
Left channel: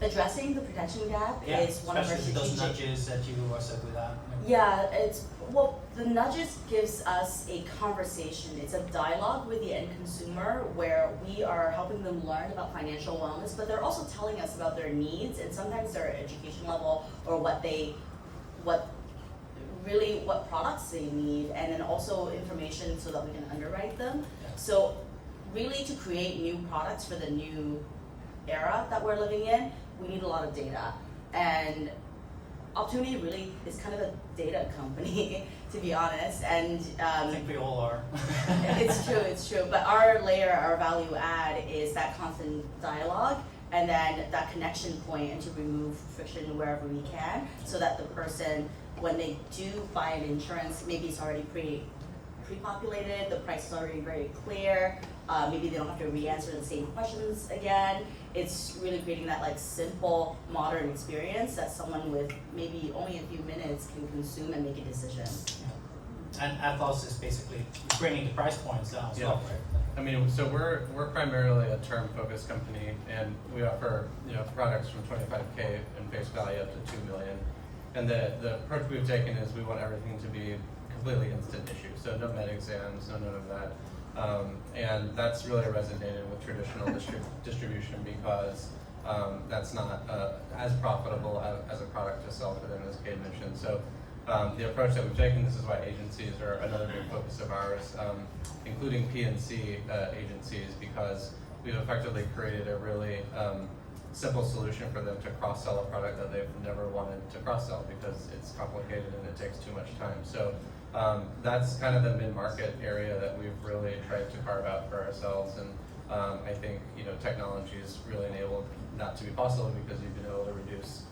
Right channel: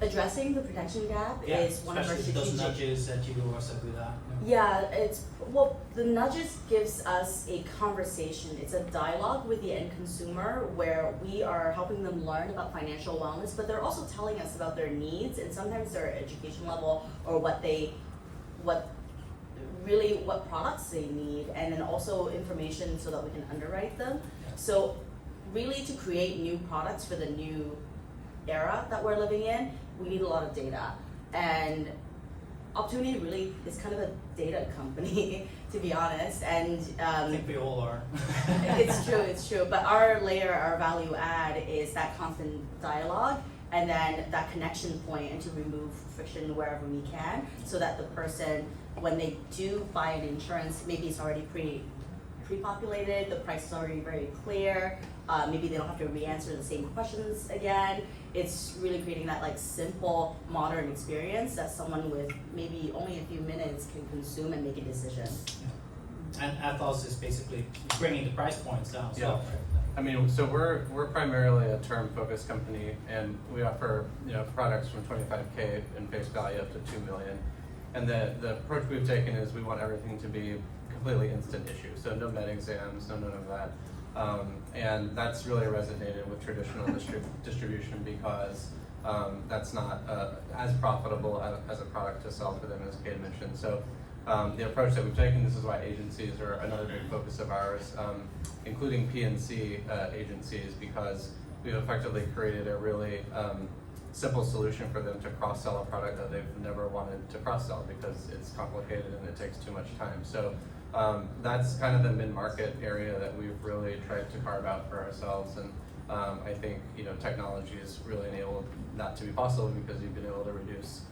addressing the protection gap is one of our especially those strategic. nudges that you were said with that. Yeah, the nudges gives us a conversation. It's a dialogue with the end consumer where we are helping them learn about financial wellness, but they're also telling us about their needs and sometimes their education level or what products they need, and then also information so that we can underwrite them. So really, to create new products for the new era that we're living in, we need a lot of data. And Opportunity really is kind of a data company, to be honest. And I think we all are. it's true. But our value add is that constant dialogue, and then that connection point, and to remove friction wherever we can, so that the person, when they do buy an insurance, maybe it's already pre-populated, the price is already very clear, maybe they don't have to re-answer the same questions again. It's really creating that like simple, modern experience that someone with maybe only a few minutes can consume and make a decision. Yeah. And Athos is basically bringing the price points down as well, right? I mean, so we're primarily a term-focused company, and we offer, you know, products from 25K in face value up to $2 million. And the approach we've taken is we want everything to be completely instant issue, so no med exams, none of that. And that's really resonated with traditional distribution, because that's not as profitable as a product to sell for them, as Kate mentioned. So the approach that we've taken, this is why agencies are another big focus of ours, including PNC agencies, because we've effectively created a really simple solution for them to cross-sell a product that they've never wanted to cross-sell, because it's complicated and it takes too much time. So that's kind of the mid-market area that we've really tried to carve out for ourselves, and I think, you know, technology has really enabled that to be possible, because you've been able to reduce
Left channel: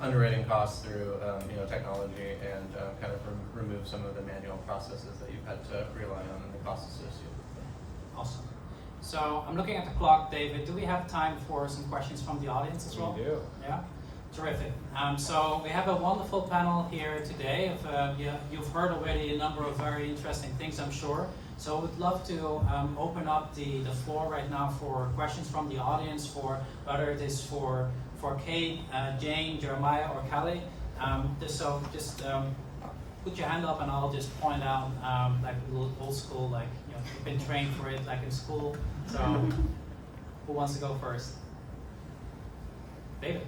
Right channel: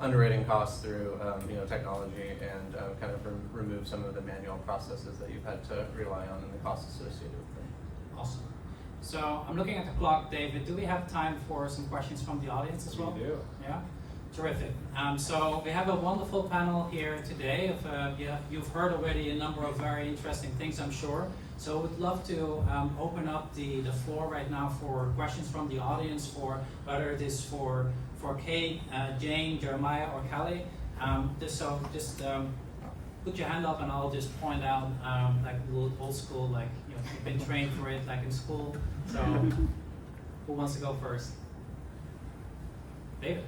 underwriting costs through you know, technology, and kind of remove some of the manual processes that you've had to rely on and the costs associated with them. Awesome. So I'm looking at the clock, David. Do we have time for some questions from the audience as well? We do. Yeah, terrific. So we have a wonderful panel here today. You've heard already a number of very interesting things, I'm sure. So we'd love to open up the floor right now for questions from the audience, for whether it is for Kate, Jane, Jeremiah, or Kelly. Just put your hand up and I'll just point out, like old school, like, you know, you've been trained for it, like in school. So who wants to go first? David.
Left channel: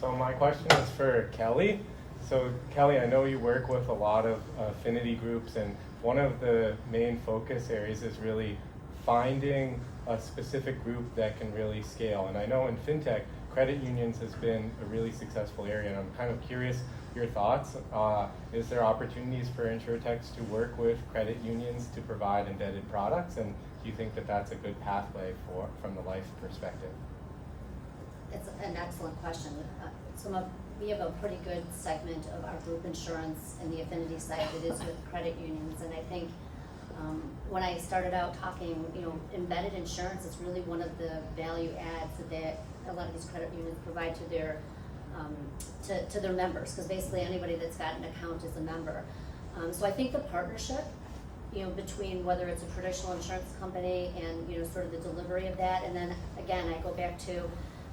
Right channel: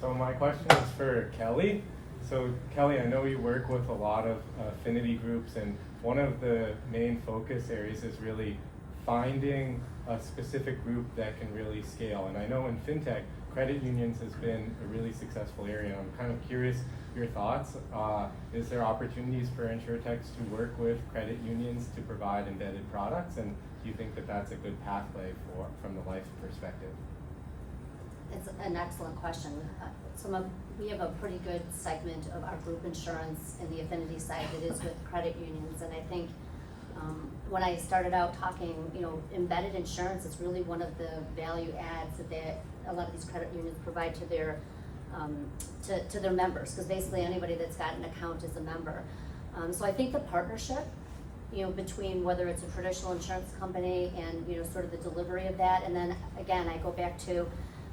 So my question is for Kelly. So Kelly, I know you work with a lot of affinity groups, and one of the main focus areas is really finding a specific group that can really scale. And I know in fintech, credit unions has been a really successful area, and I'm kind of curious your thoughts. Is there opportunities for Insurtech to work with credit unions to provide embedded products, and do you think that that's a good pathway from the life perspective? It's an excellent question. We have a pretty good segment of our group insurance in the affinity side that is with credit unions, and I think when I started out talking, you know, embedded insurance is really one of the value adds that a lot of these credit unions provide to their members, because basically anybody that's got an account is a member. So I think the partnership, you know, between whether it's a traditional insurance company and, you know, sort of the delivery of that, and then again I go back to,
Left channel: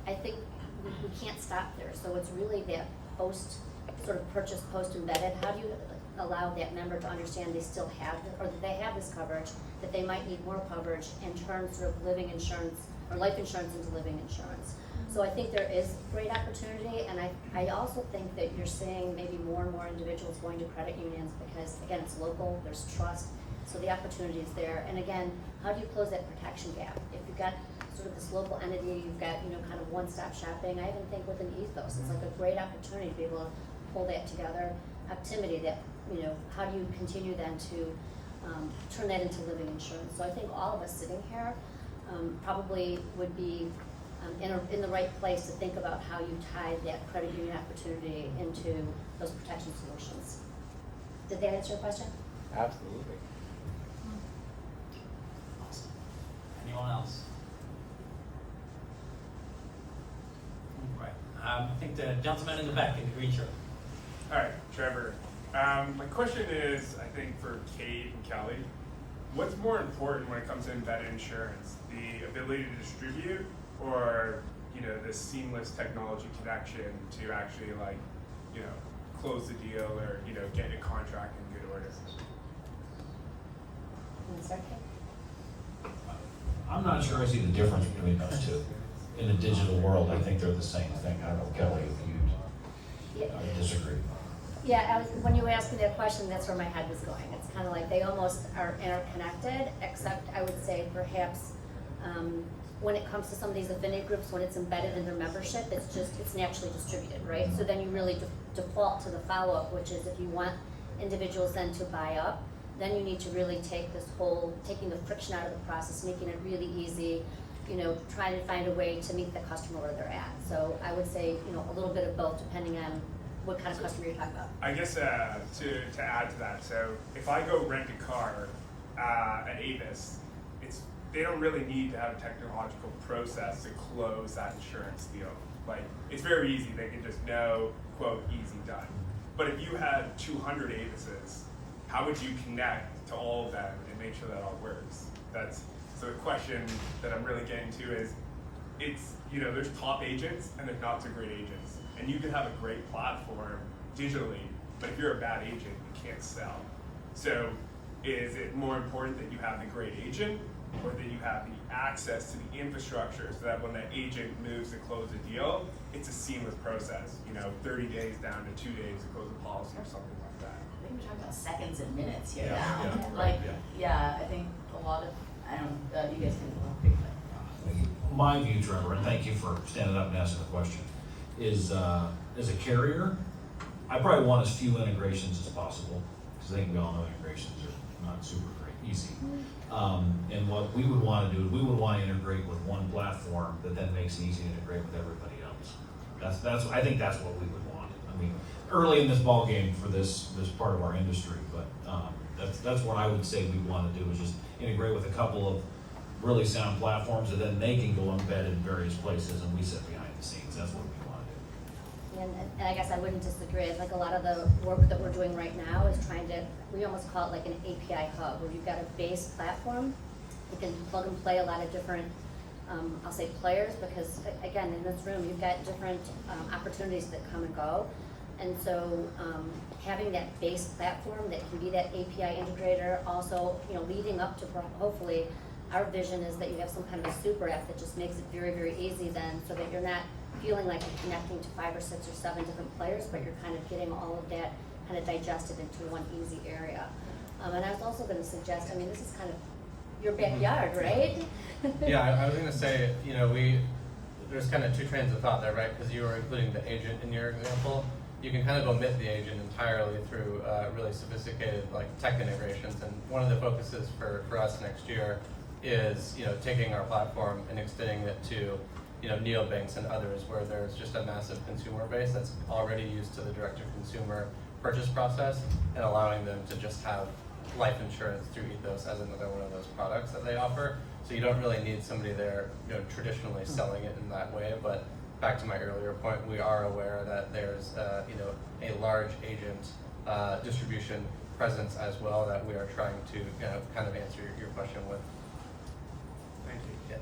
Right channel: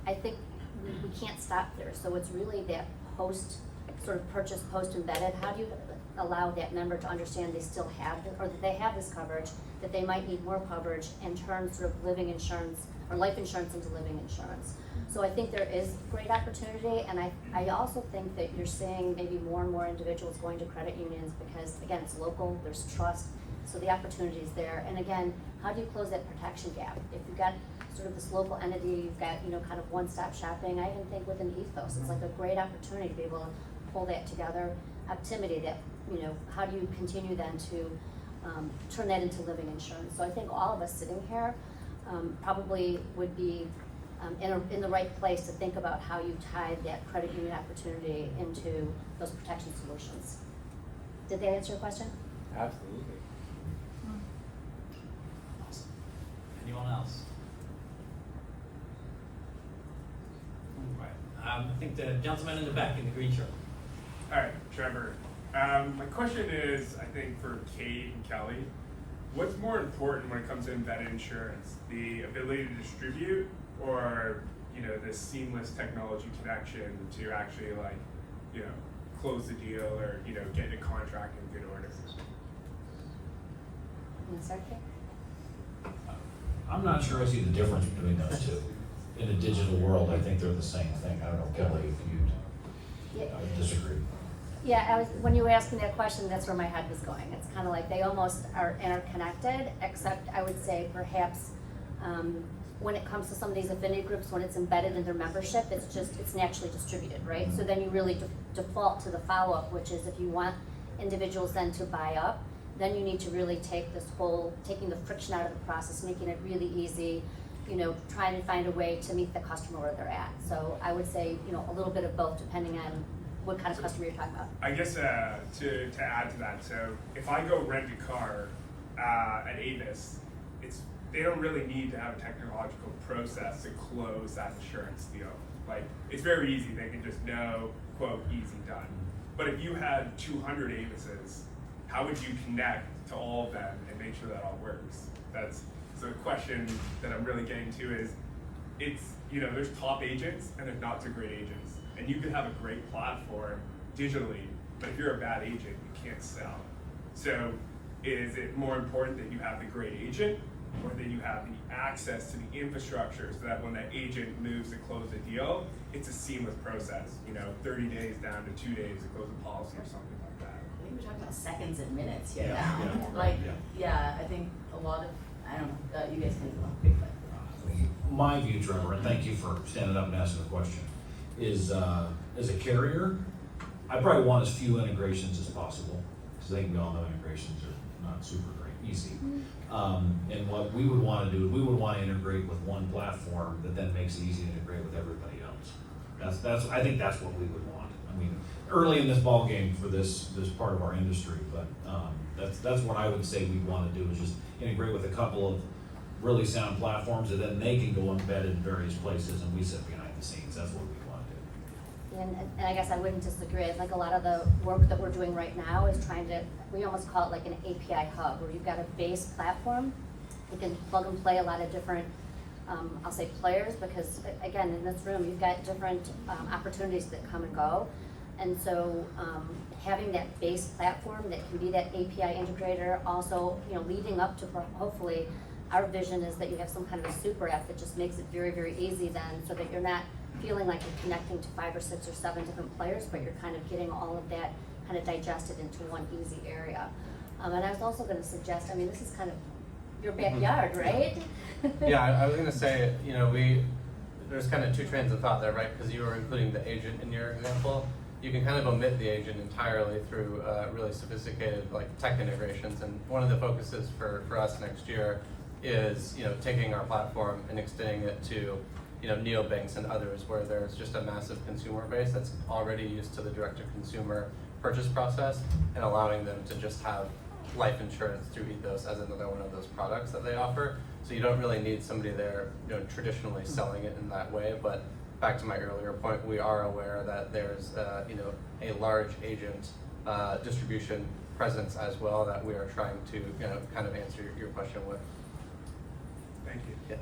I think we can't stop there. So it's really that post-purchase, post-embedded, how do you allow that member to understand they still have, or that they have this coverage, that they might need more coverage in terms of living insurance, or life insurance into living insurance. So I think there is great opportunity, and I also think that you're seeing maybe more and more individuals going to credit unions because, again, it's local, there's trust. So the opportunity is there. And again, how do you close that protection gap? If you've got sort of this local entity, you've got, you know, kind of one-stop shopping, I even think with an ethos, it's like a great opportunity to be able to pull that together. Optimity, that, you know, how do you continue then to turn that into living insurance? So I think all of us sitting here probably would be in the right place to think about how you tie that credit union opportunity into those protection solutions. Did that answer your question? Absolutely. Awesome. Anyone else? Right. I think the gentleman in the back in the green shirt. All right, Trevor. My question is, I think for Kate and Kelly, what's more important when it comes to embedded insurance? The ability to distribute, or the seamless technology connection to actually close the deal, or get a contract in good order? Sorry, Kate? I'm not sure I see the difference between those two. In the digital world, I think they're the same thing. I don't know, Kelly, if you disagree. Yeah, when you were asking that question, that's where my head was going. It's kind of like they almost are interconnected, except I would say perhaps when it comes to some of these affinity groups, when it's embedded in their membership, it's naturally distributed, right? So then you really default to the follow-up, which is if you want individuals then to buy up, then you need to really take this whole, taking the friction out of the process, making it really easy, trying to find a way to meet the customer where they're at. So I would say, a little bit of both, depending on what kind of customer you're talking about. I guess to add to that, so if I go rent a car at Avis, they don't really need to have a technological process to close that insurance deal. Like, it's very easy. They can just know, quote, easy done. But if you had 200 Avises, how would you connect to all of them and make sure that all works? So the question that I'm really getting to is, there's top agents and there's not so great agents. And you could have a great platform digitally, but if you're a bad agent, you can't sell. So is it more important that you have the great agent, or that you have the access to the infrastructure so that when that agent moves to close a deal, it's a seamless process, 30 days down to 2 days to close a policy or something like that? I think we're talking about seconds and minutes here Yeah, now. yeah. I think a lot of, I don't know, you guys can talk big, but. My view, Trevor, and thank you for standing up and asking the question, is as a carrier, I probably want as few integrations as possible, because I think we all know integrations are not super great, easy. And what we would want to do is we would want to integrate with one platform that then makes it easy to integrate with everybody else. I think that's what we would want. I mean, early in this ball game for this part of our industry, but that's what I would say we want to do, is just integrate with a couple of really sound platforms, and then they can go embedded in various places, and we sit behind the scenes. That's what we want to do. And I guess I wouldn't disagree. I think a lot of the work that we're doing right now is we almost call it like an API hub, where you've got a base platform. You can plug and play a lot of different, I'll say players, because again, in this room, you've got different opportunities that come and go. And so having that base platform that can be that API integrator, also, leading up to hopefully, our vision is that you have some kind of a super app that just makes it very, very easy then, so that you're not feeling like you're connecting to 5 or 6 or 7 different players, but you're kind of getting all of that kind of digested into one easy area. And I was also going to suggest, this is kind of your backyard, right? Yeah, I was gonna say, there's kind of two trains of thought there, right? Because you were including the agent in your example. You can kind of omit the agent entirely through really sophisticated tech integrations. And one of the focuses for us next year is taking our platform and extending it to neobanks and others, where there's just a massive consumer base that's already used to the direct-to-consumer purchase process, and allowing them to just have life insurance through Ethos as another one of those products that they offer. So you don't really need somebody there traditionally selling it in that way. But back to my earlier point, we are aware that there's a large agent distribution presence as well that we are trying to kind of answer your question with. Thank you. Yeah.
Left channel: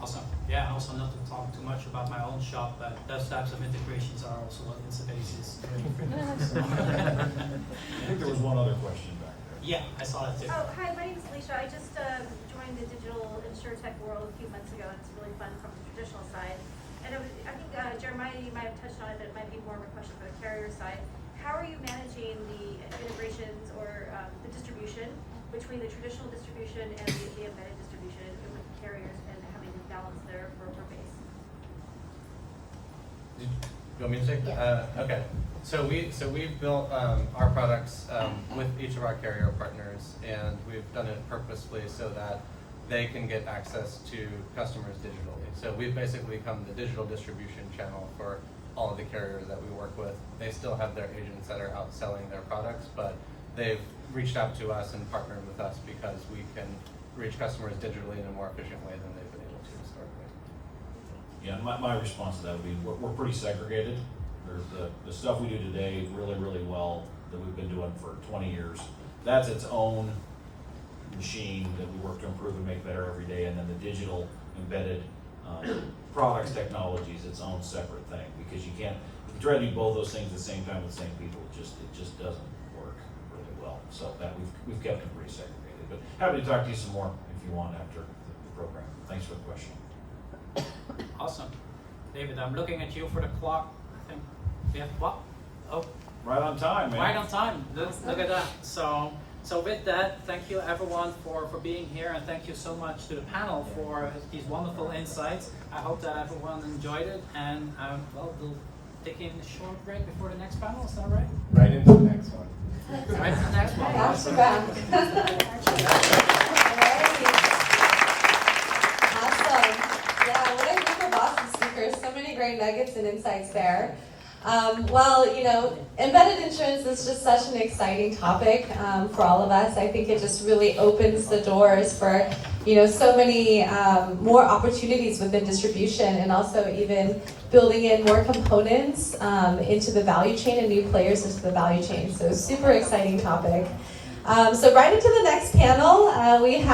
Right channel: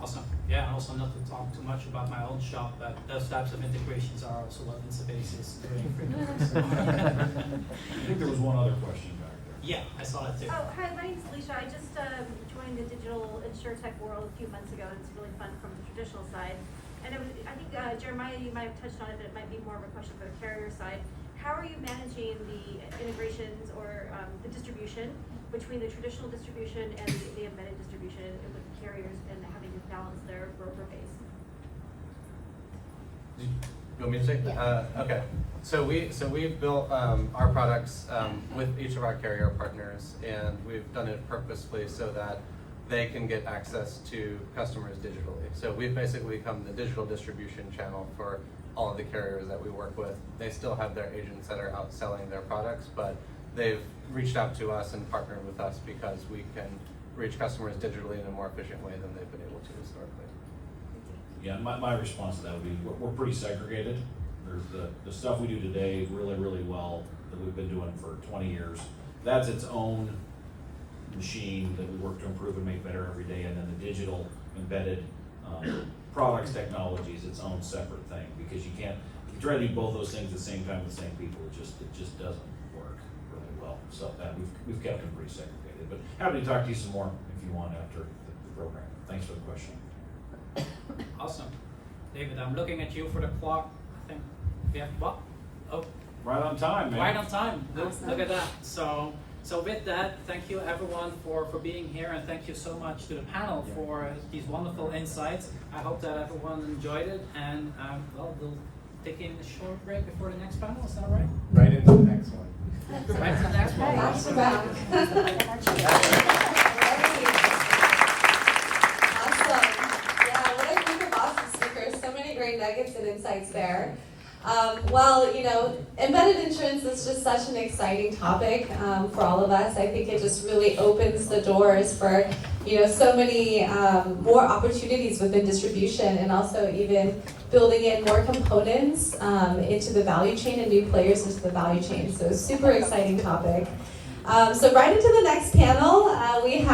Awesome. Yeah, also not to talk too much about my own shop, but those types of integrations are also what Insubasis is doing for I think there was one other question back there. Yeah, I saw it too. Oh, hi, my name's Alicia. I just joined the digital Insurtech world a few months ago, and it's really fun from the traditional side. And I think, Jeremiah, you might have touched on it, but it might be more of a question for the carrier side. How are you managing the integrations or the distribution between the traditional distribution and the embedded distribution with the carriers and having to balance their broker base? You want me to say? Okay. So we've built our products with each of our carrier partners, and we've done it purposefully so that they can get access to customers digitally. So we've basically become the digital distribution channel for all of the carriers that we work with. They still have their agents that are out selling their products, but they've reached out to us and partnered with us because we can reach customers digitally in a more efficient way than they've been able to historically. Yeah, my response to that would be, we're pretty segregated. There's the stuff we do today really well that we've been doing for 20 years. That's its own machine that we work to improve and make better every day, and then the digital embedded products technology is its own separate thing, because you can't, if you try to do both those things at the same time with the same people, it just doesn't work really well. So that we've kept them pretty segregated. But happy to talk to you some more if you want after the program. Thanks for the question. Awesome. David, I'm looking at you for the clock. I think we have what? Oh, Right on time, man. right on time. Look at that. So with that, thank you everyone for being here, and thank you so much to the panel for these wonderful insights. I hope that everyone enjoyed it, and well, we'll take in a short break before the next panel. Is that right? Right into the next one. Right to the next one. Awesome. Yeah, what a group of awesome speakers. So many great nuggets and insights there. Well, embedded insurance is just such an exciting topic for all of us. I think it just really opens the doors for, so many more opportunities within distribution, and also even building in more components into the value chain and new players into the value chain. So super exciting topic. So right into the next panel, we have